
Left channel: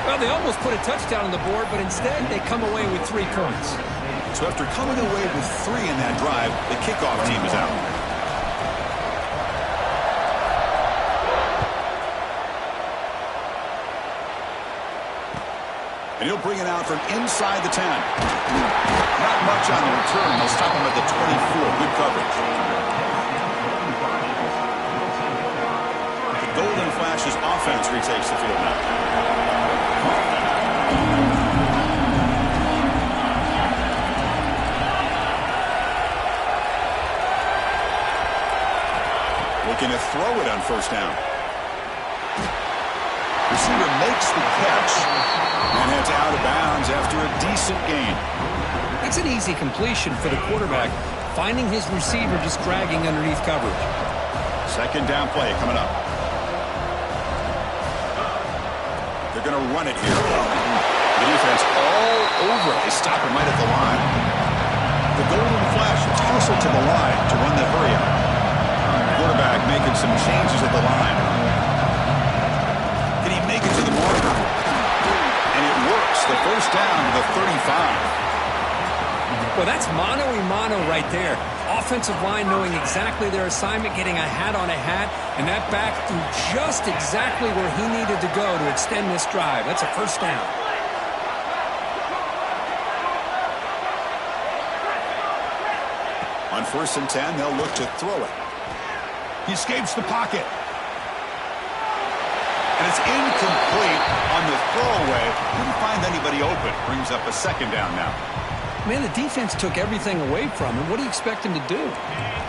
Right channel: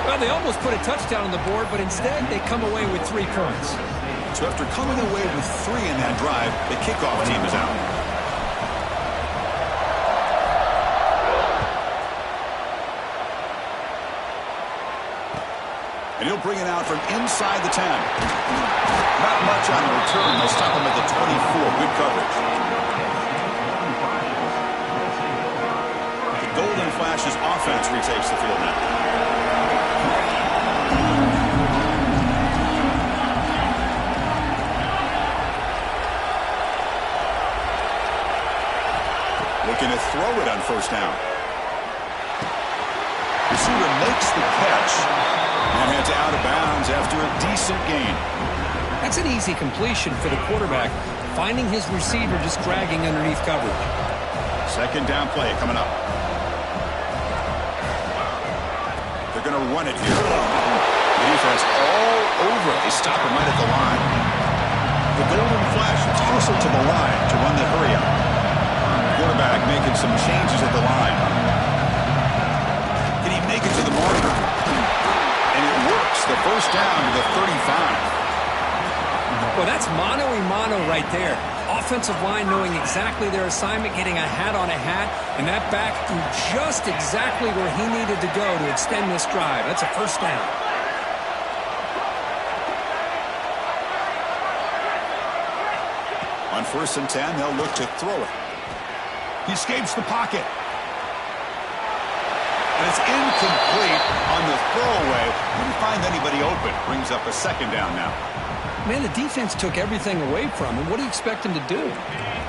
Well, they almost put a touchdown on the board, but instead they come away with 3 points. So after coming away with 3 in that drive, the kickoff team is out. And he'll bring it out from inside the 10. Not much on the return. They'll stop him at the 24. Good coverage. The Golden Flashes offense retakes the field now. Looking to throw it on first down. Receiver makes the catch and heads out of bounds after a decent gain. That's an easy completion for the quarterback, finding his receiver just dragging underneath coverage. Second down play coming up. They're going to run it here. The defense all over it. They stop him right at the line. The Golden Flash toss it to the line to run the hurry up. Quarterback making some changes at the line. Can he make it to the marker? And it works. The first down to the 35. Well, that's mano-a-mano right there. Offensive line knowing exactly their assignment, getting a hat on a hat, and that back threw just exactly where he needed to go to extend this drive. That's a first down. On 1st and 10, they'll look to throw it. He escapes the pocket. And it's incomplete on the throwaway. Didn't find anybody open. Brings up a second down now. Man, the defense took everything away from him. What do you expect him to do?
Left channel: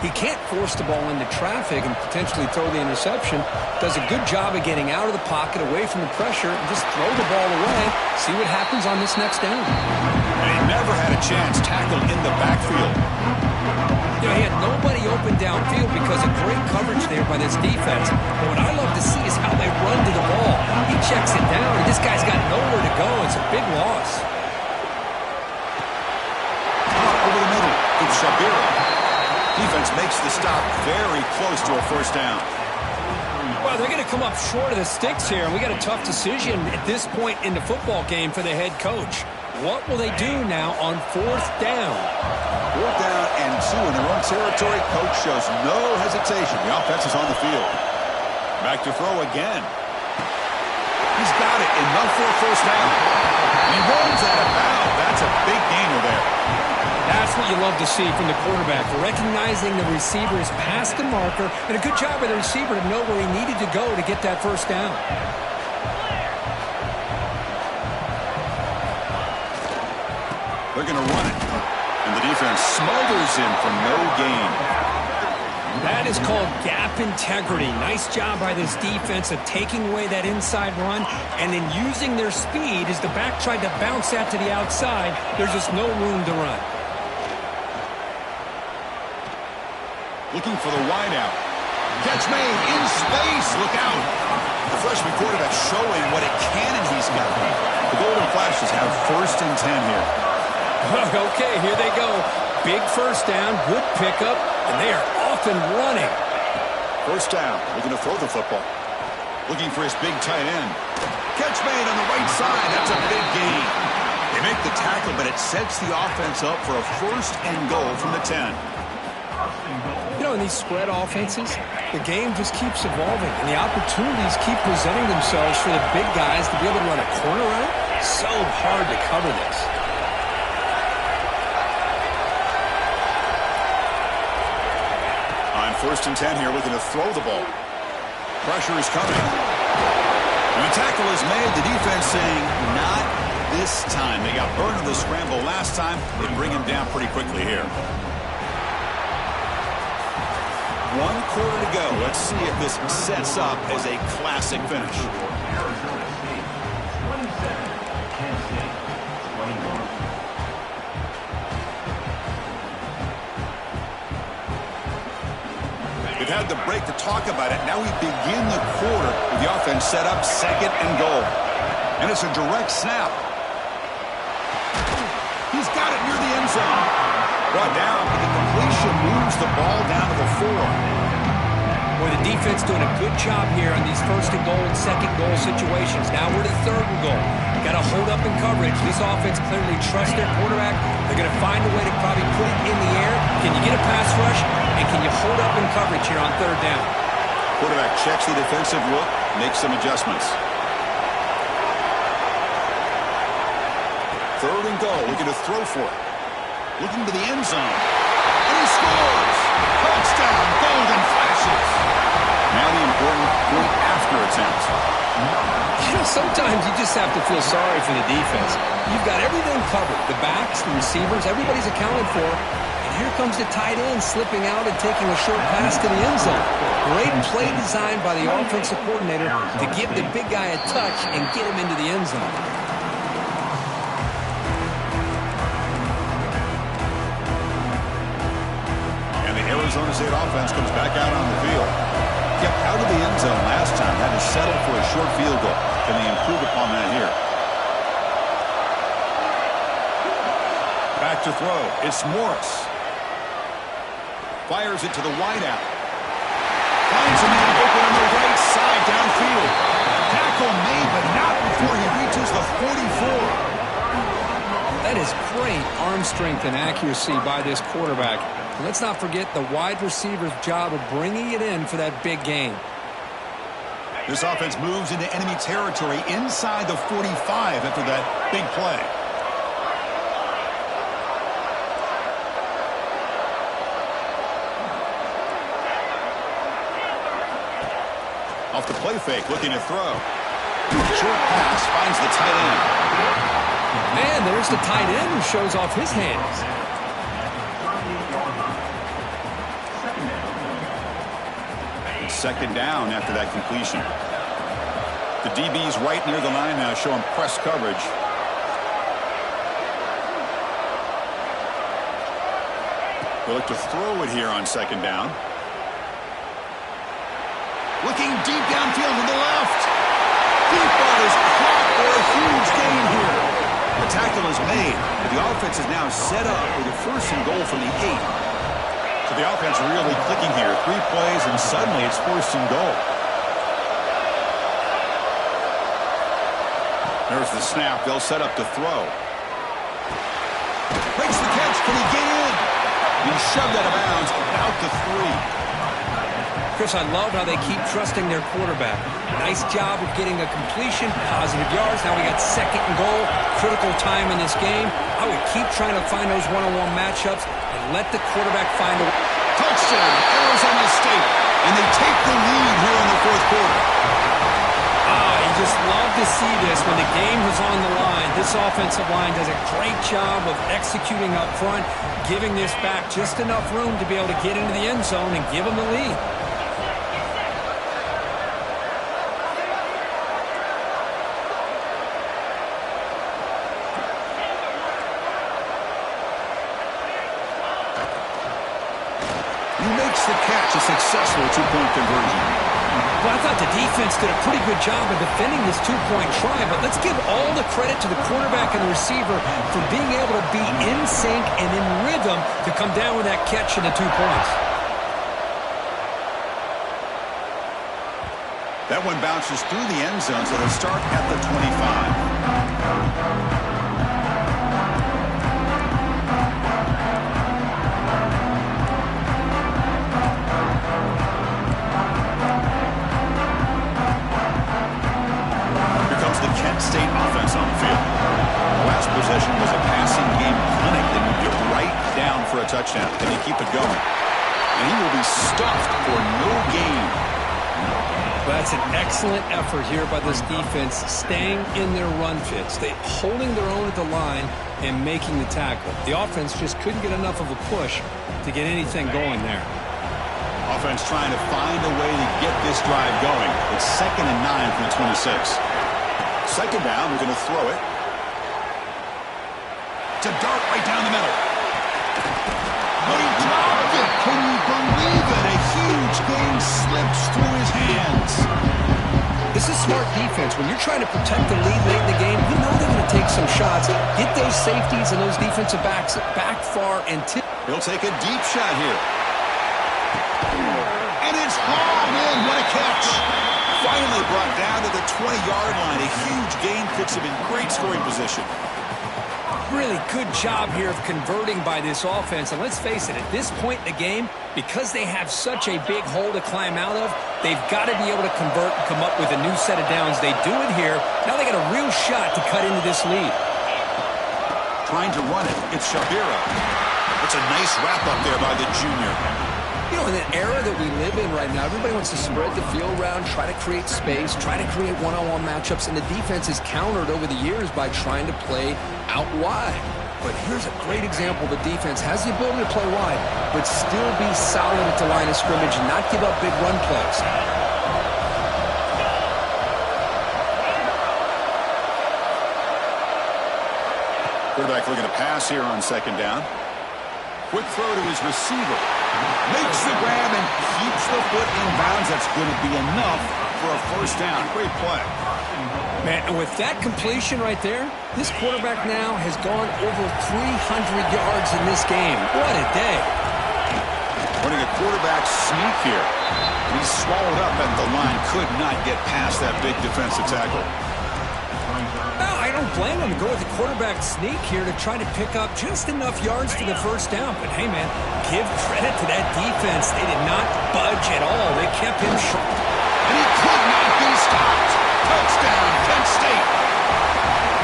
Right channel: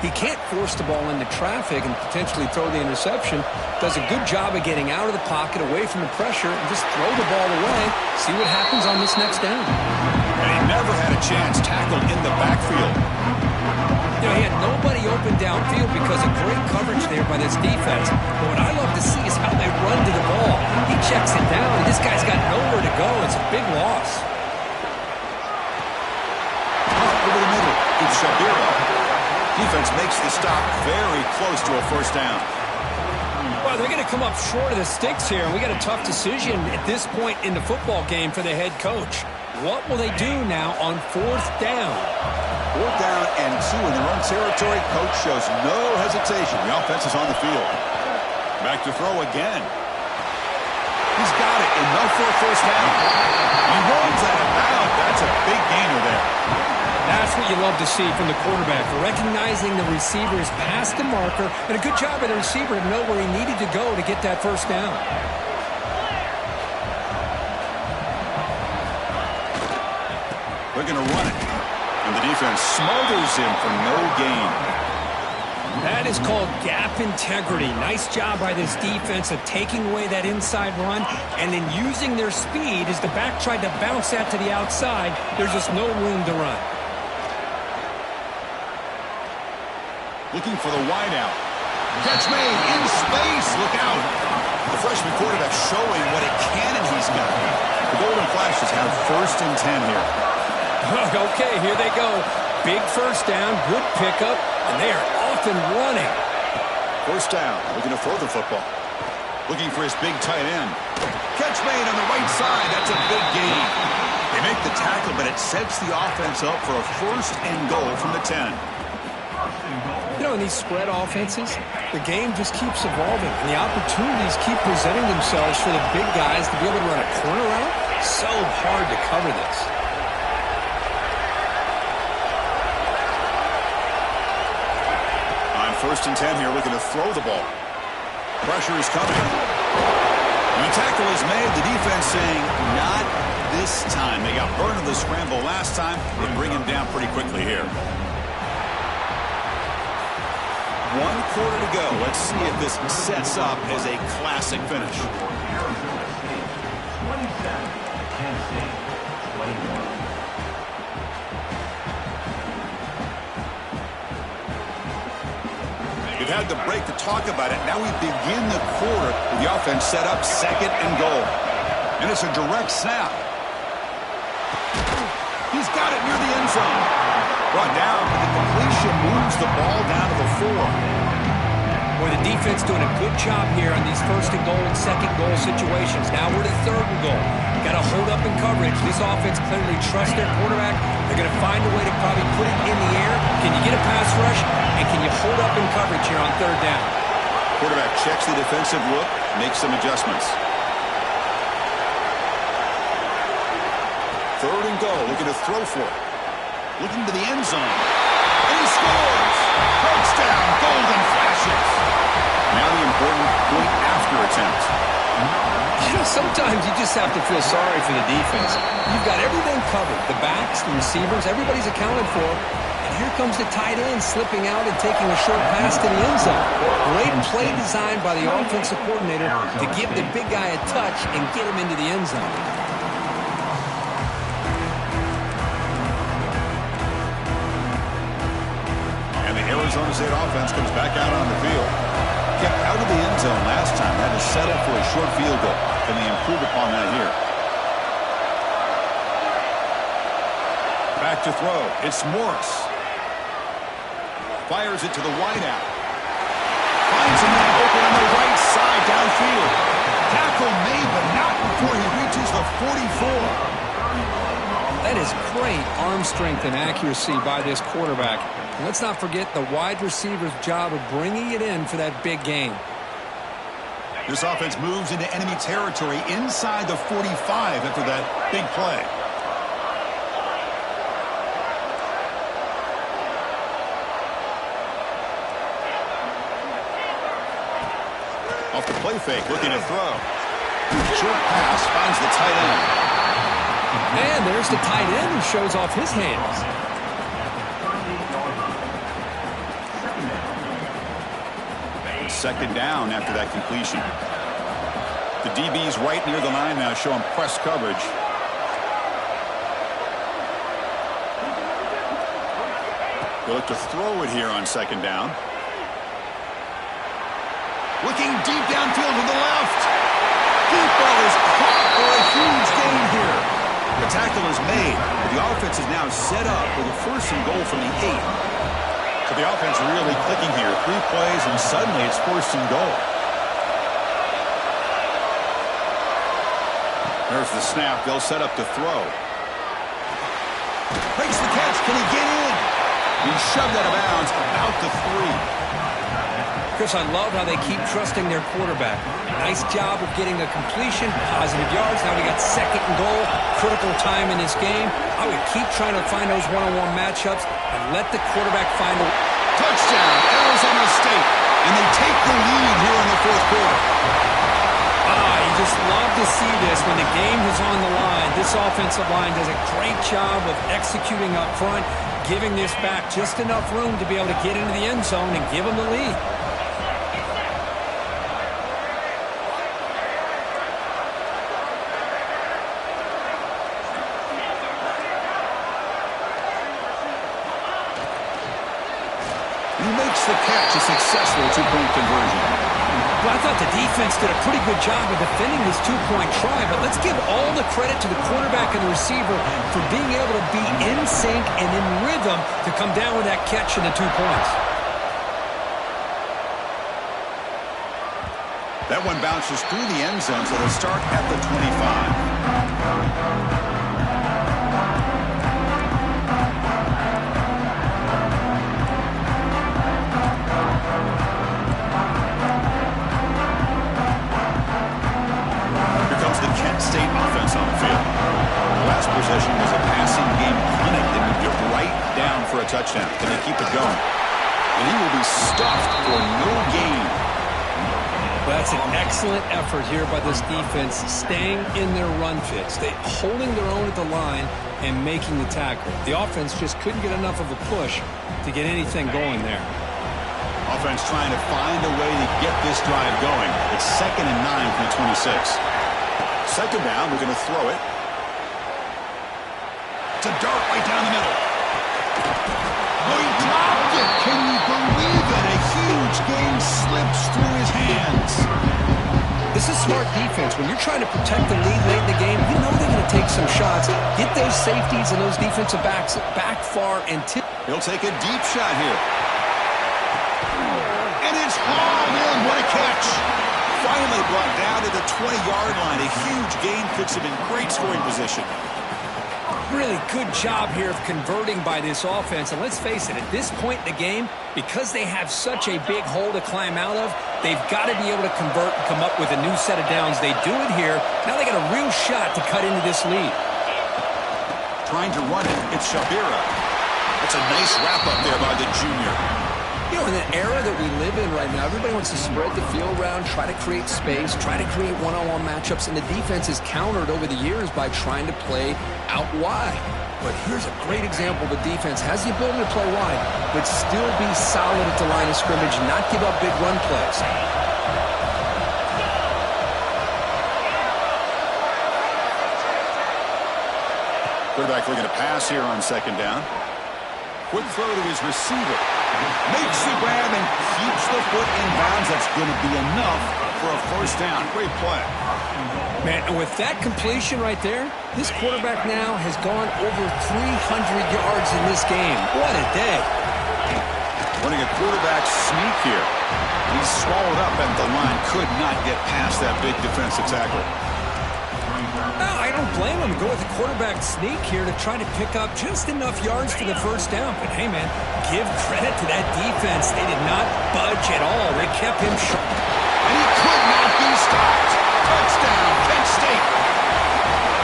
He can't force the ball into traffic and potentially throw the interception. Does a good job of getting out of the pocket, away from the pressure, and just throw the ball away. See what happens on this next down. And he never had a chance tackled in the backfield. You know, he had nobody open downfield because of great coverage there by this defense. But what I love to see is how they run to the ball. He checks it down, and this guy's got nowhere to go. It's a big loss. Over the middle, it's Shabira. Defense makes the stop very close to a first down. Well, they're going to come up short of the sticks here, and we got a tough decision at this point in the football game for the head coach. What will they do now on 4th down? 4th down and 2 in their own territory. Coach shows no hesitation. The offense is on the field. Back to throw again. He's got it. Enough for a first down. He rolls that about. That's a big gainer there. That's what you love to see from the quarterback. Recognizing the receiver is past the marker, and a good job by the receiver to know where he needed to go to get that first down. They're going to run it. And the defense smothers him for no gain. That is called gap integrity. Nice job by this defense of taking away that inside run and then using their speed as the back tried to bounce that to the outside. There's just no room to run. Looking for the wideout. Catch made in space. Look out. The freshman quarterback showing what a cannon he's got. The Golden Flashes have 1st and 10 here. Okay, here they go. Big first down, good pickup, and they are off and running. First down, looking to throw the football. Looking for his big tight end. Catch made on the right side. That's a big gain. They make the tackle, but it sets the offense up for a 1st and goal from the 10. You know, in these spread offenses, the game just keeps evolving, and the opportunities keep presenting themselves for the big guys to be able to run a corner route. So hard to cover this. On 1st and 10 here, looking to throw the ball. Pressure is coming. And the tackle is made. The defense saying, not this time. They got burned in the scramble last time. They bring him down pretty quickly here. 1 quarter to go. Let's see if this sets up as a classic finish. Arizona State 27, Kent State 21. They've had the break to talk about it. Now we begin the quarter with the offense set up, 2nd and goal. And it's a direct snap. He's got it near the end zone. Brought down, but the completion moves the ball down to the 4. Boy, the defense doing a good job here on these 1st and goal and 2nd goal situations. Now we're to 3rd and goal. Got to hold up in coverage. This offense clearly trusts their quarterback. They're going to find a way to probably put it in the air. Can you get a pass rush? And can you hold up in coverage here on 3rd down? Quarterback checks the defensive look, makes some adjustments. 3rd and goal, looking to throw for it. Looking to the end zone. And he scores! Touchdown, golden flashes! Now the important point after attempt. You know, sometimes you just have to feel sorry for the defense. You've got everything covered. The backs, the receivers, everybody's accounted for. And here comes the tight end slipping out and taking a short pass to the end zone. Great play designed by the offensive coordinator to give the big guy a touch and get him into the end zone. And the Arizona State offense comes back out on the field. Kept out of the end zone last time, had to settle for a short field goal. Can they improve upon that here? Back to throw. It's Morris. Fires it to the wideout. Finds a man open on the right side downfield. Tackle made, but not before he reaches the 44. That is great arm strength and accuracy by this quarterback. And let's not forget the wide receiver's job of bringing it in for that big gain. This offense moves into enemy territory inside the 45 after that big play. Off the play fake, looking to throw. Short pass finds the tight end. And there's the tight end who shows off his hands. Second down after that completion. The DB's right near the line now, showing press coverage. They look to throw it here on 2nd down. Looking deep downfield to the left. Deep ball is caught for a huge gain here. The tackle is made, but the offense is now set up with a 1st and goal from the 8. So the offense really clicking here. 3 plays, and suddenly it's 1st and goal. There's the snap. They'll set up to throw. Makes the catch. Can he get in? He's shoved out of bounds about the 3. Chris, I love how they keep trusting their quarterback. Nice job of getting a completion, positive yards. Now we got 2nd and goal, critical time in this game. I would keep trying to find those one-on-one matchups and let the quarterback find a touchdown, Arizona State. And they take the lead here in the 4th quarter. You just love to see this when the game is on the line. This offensive line does a great job of executing up front, giving this back just enough room to be able to get into the end zone and give them the lead. He makes the catch, a successful 2-point conversion. Well, I thought the defense did a pretty good job of defending this 2-point try, but let's give all the credit to the quarterback and the receiver for being able to be in sync and in rhythm to come down with that catch and the 2 points. That one bounces through the end zone, so they'll start at the 25. State offense on the field. The last possession was a passing game clinic. They moved it right down for a touchdown. Can they keep it going? And he will be stuffed for no gain. Well, that's an excellent effort here by this defense, staying in their run fits. They holding their own at the line and making the tackle. The offense just couldn't get enough of a push to get anything going there. Offense trying to find a way to get this drive going. It's 2nd and 9 from the 26. 2nd down, we're going to throw it. It's a dart right down the middle. Oh, he dropped it. Can you believe it? A huge game slips through his hands. This is smart defense. When you're trying to protect the lead late in the game, you know they're going to take some shots. Get those safeties and those defensive backs back far and tip. He'll take a deep shot here. And it's hauled in. What a catch. Finally brought down to the 20-yard line. A huge gain puts him in great scoring position. Really good job here of converting by this offense. And let's face it, at this point in the game, because they have such a big hole to climb out of, they've got to be able to convert and come up with a new set of downs. They do it here. Now they got a real shot to cut into this lead. Trying to run it. It's Shabira. That's a nice wrap up there by the junior. You know, in the era that we live in right now, everybody wants to spread the field around, try to create space, try to create one-on-one matchups, and the defense is countered over the years by trying to play out wide. But here's a great example. The defense has the ability to play wide, but still be solid at the line of scrimmage and not give up big run plays. Quarterback looking to pass here on second down. Quick throw to his receiver. Makes the grab and keeps the foot in bounds. That's going to be enough for a first down. Great play. Man, and with that completion right there, this quarterback now has gone over 300 yards in this game. What a day. Running a quarterback sneak here. He's swallowed up at the line. Could not get past that big defensive tackle. No, I don't blame him to go with the quarterback sneak here to try to pick up just enough yards for the first down. But, hey, man, give credit to that defense. They did not budge at all. They kept him short. And he could not be stopped. Touchdown, Kent State.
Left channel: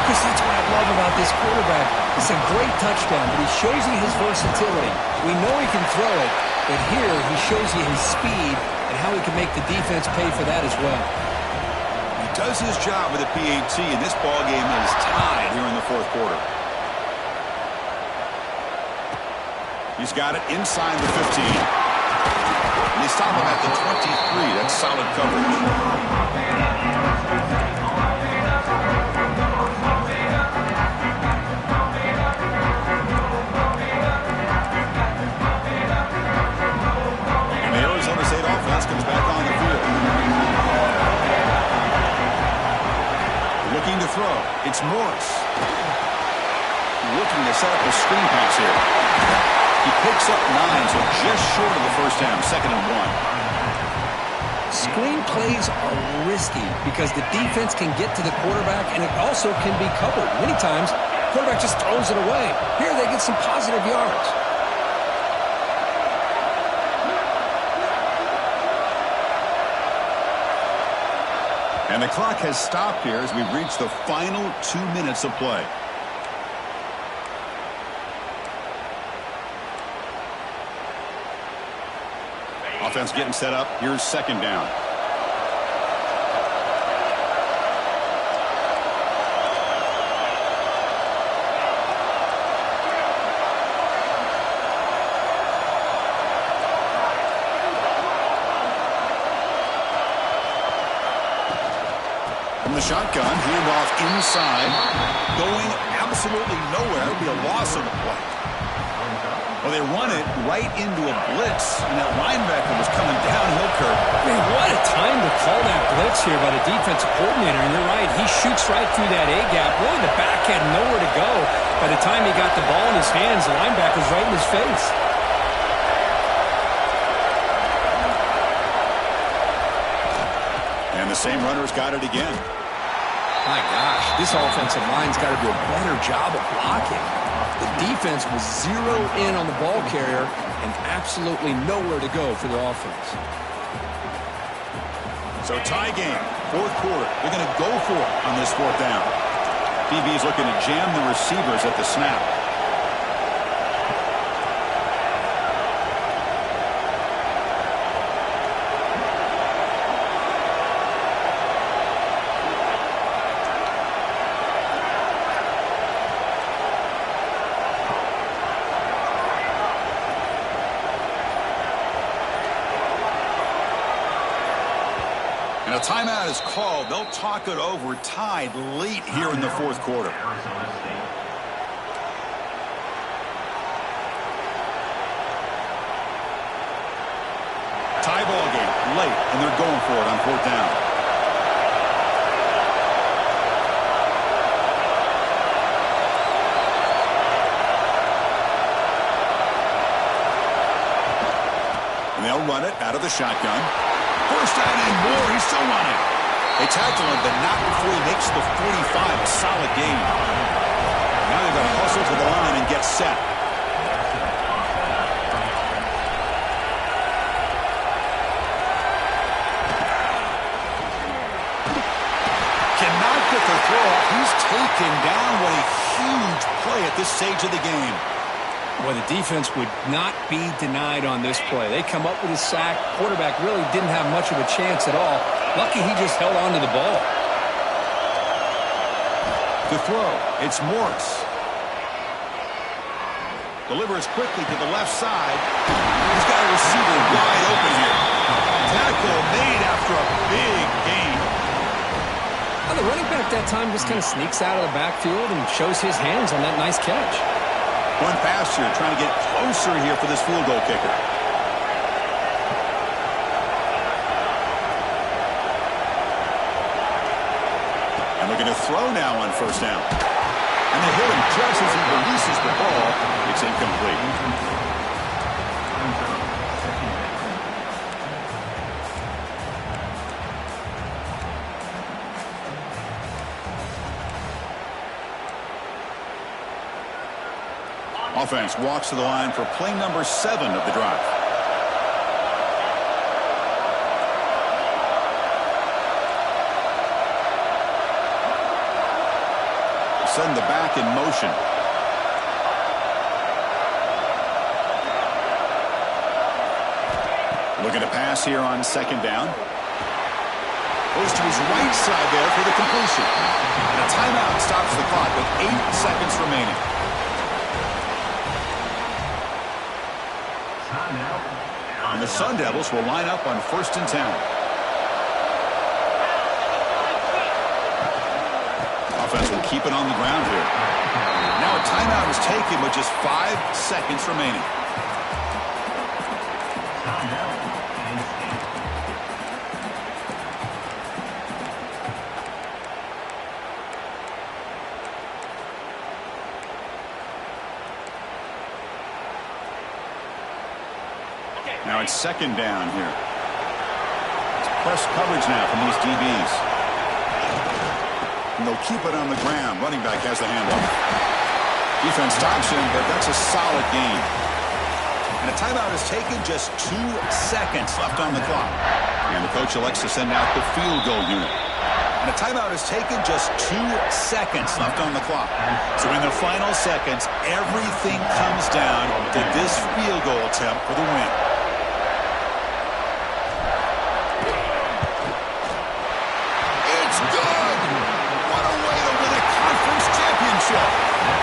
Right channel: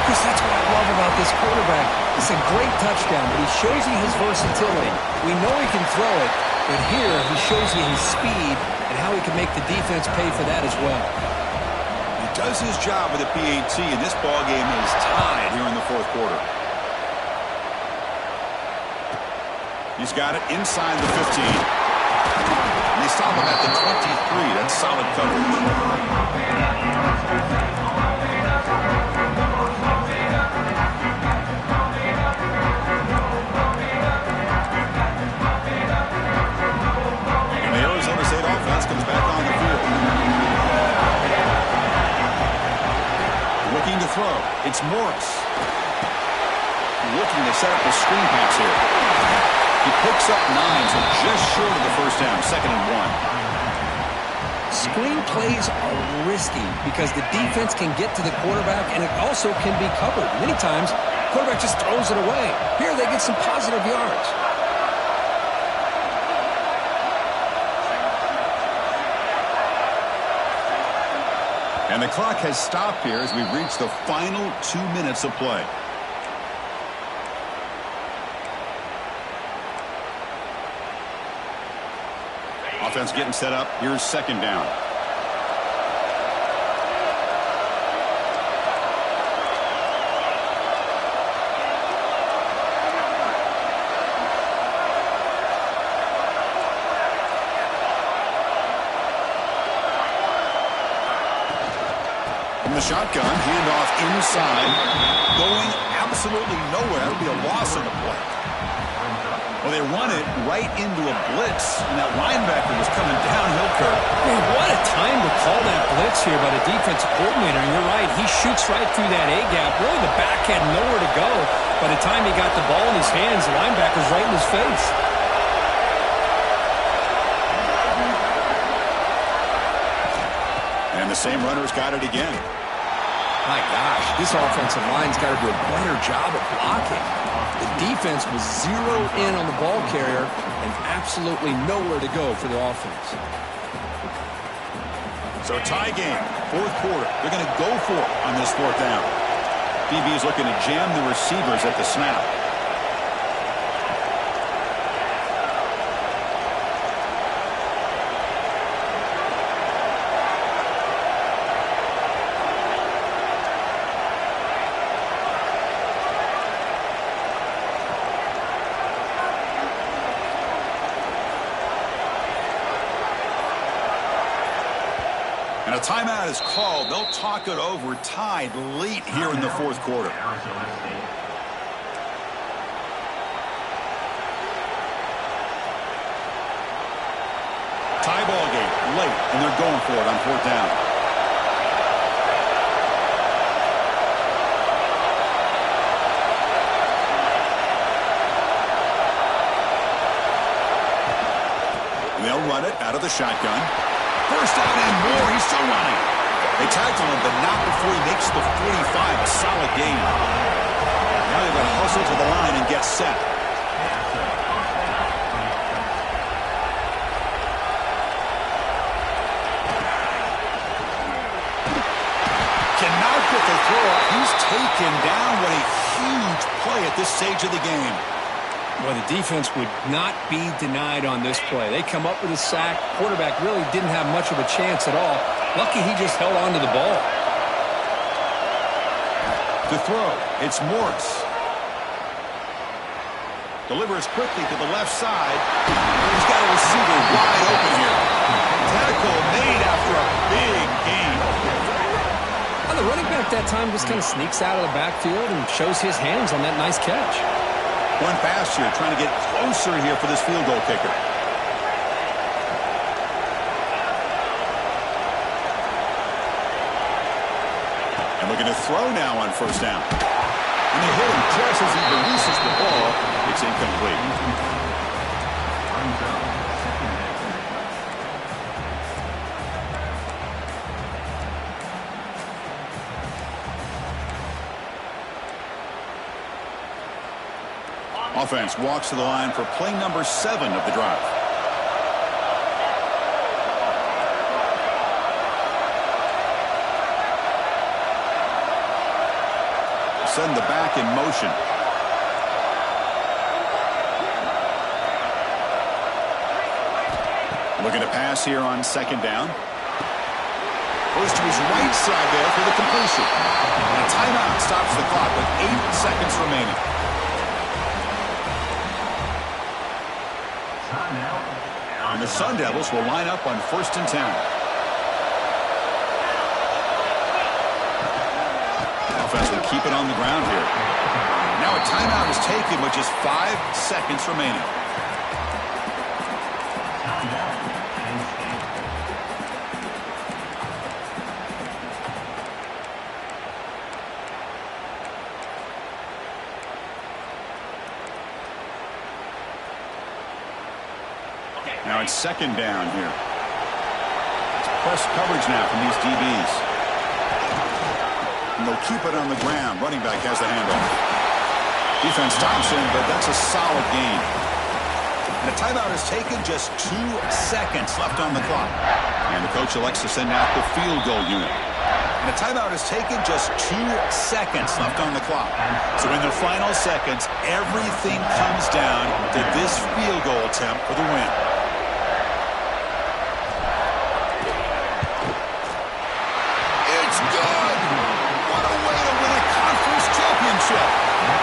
Chris, that's what I love about this quarterback. It's a great touchdown, but he shows you his versatility. We know he can throw it, but here he shows you his speed and how he can make the defense pay for that as well. He does his job with a PAT, and this ball game is tied here in the fourth quarter. He's got it inside the 15. And they stop him at the 23. That's solid coverage. Comes back on the field. Looking to throw. It's Morris. Looking to set up a screen pass here. He picks up 9, so just short of the first down. 2nd and 1. Screen plays are risky because the defense can get to the quarterback and it also can be covered. Many times, the quarterback just throws it away. Here they get some positive yards. And the clock has stopped here as we've reached the final 2 minutes of play. Offense getting set up. Here's 2nd down. From the shotgun, handoff inside, going absolutely nowhere. It'll be a loss on the play. Well, they run it right into a blitz, and that linebacker was coming downhill, Kirk. Man, what a time to call that blitz here by the defensive coordinator. And you're right, he shoots right through that A-gap. Really, the back had nowhere to go. By the time he got the ball in his hands, the linebacker's right in his face. And the same runner's got it again. My gosh, this offensive line's got to do a better job of blocking. The defense was zeroed in on the ball carrier and absolutely nowhere to go for the offense. So tie game, fourth quarter. They're going to go for it on this 4th down. DB is looking to jam the receivers at the snap. And a timeout is called. They'll talk it over, tied late here in the fourth quarter. Arizona State. Tie ball game late, and they're going for it on 4th down. And they'll run it out of the shotgun. First down and more. He's still running. They tackle him, but not before he makes the 45. A solid gain. Now they've got to hustle to the line and get set. Cannot get the throw off. He's taken down. What a huge play at this stage of the game. Well, the defense would not be denied on this play. They come up with a sack. Quarterback really didn't have much of a chance at all. Lucky he just held on to the ball. To throw, it's Morris. Delivers quickly to the left side. He's got a receiver wide open here. Tackle made after a big gain. Well, the running back that time just kind of sneaks out of the backfield and shows his hands on that nice catch. One pass here, trying to get closer here for this field goal kicker. And looking to throw now on 1st down. And they hit him just as he releases the ball. It's incomplete. Offense walks to the line for play number 7 of the drive. Send the back in motion. Looking to pass here on 2nd down. Goes to his right side there for the completion. And a timeout stops the clock with 8 seconds remaining. And the Sun Devils will line up on 1st and 10. Offense will keep it on the ground here. Now a timeout is taken with just 5 seconds remaining. Now it's 2nd down here. It's press coverage now from these DBs. And they'll keep it on the ground. Running back has the handoff. Defense stops him, but that's a solid gain. And a timeout is taken, just 2 seconds left on the clock. And the coach elects to send out the field goal unit. And a timeout is taken, just 2 seconds left on the clock. So in the final seconds, everything comes down to this field goal attempt for the win. Good. What a way to win a conference championship.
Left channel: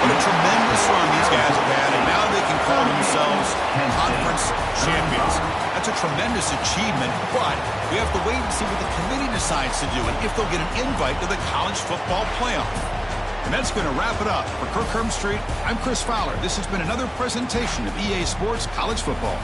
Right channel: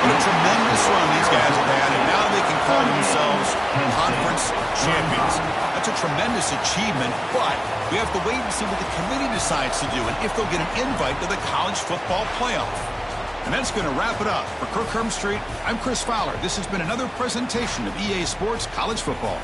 What a tremendous run these guys have had, and now they can call themselves conference champions. That's a tremendous achievement, but we have to wait and see what the committee decides to do and if they'll get an invite to the college football playoff. And that's going to wrap it up. For Kirk Herbstreit, I'm Chris Fowler. This has been another presentation of EA Sports College Football.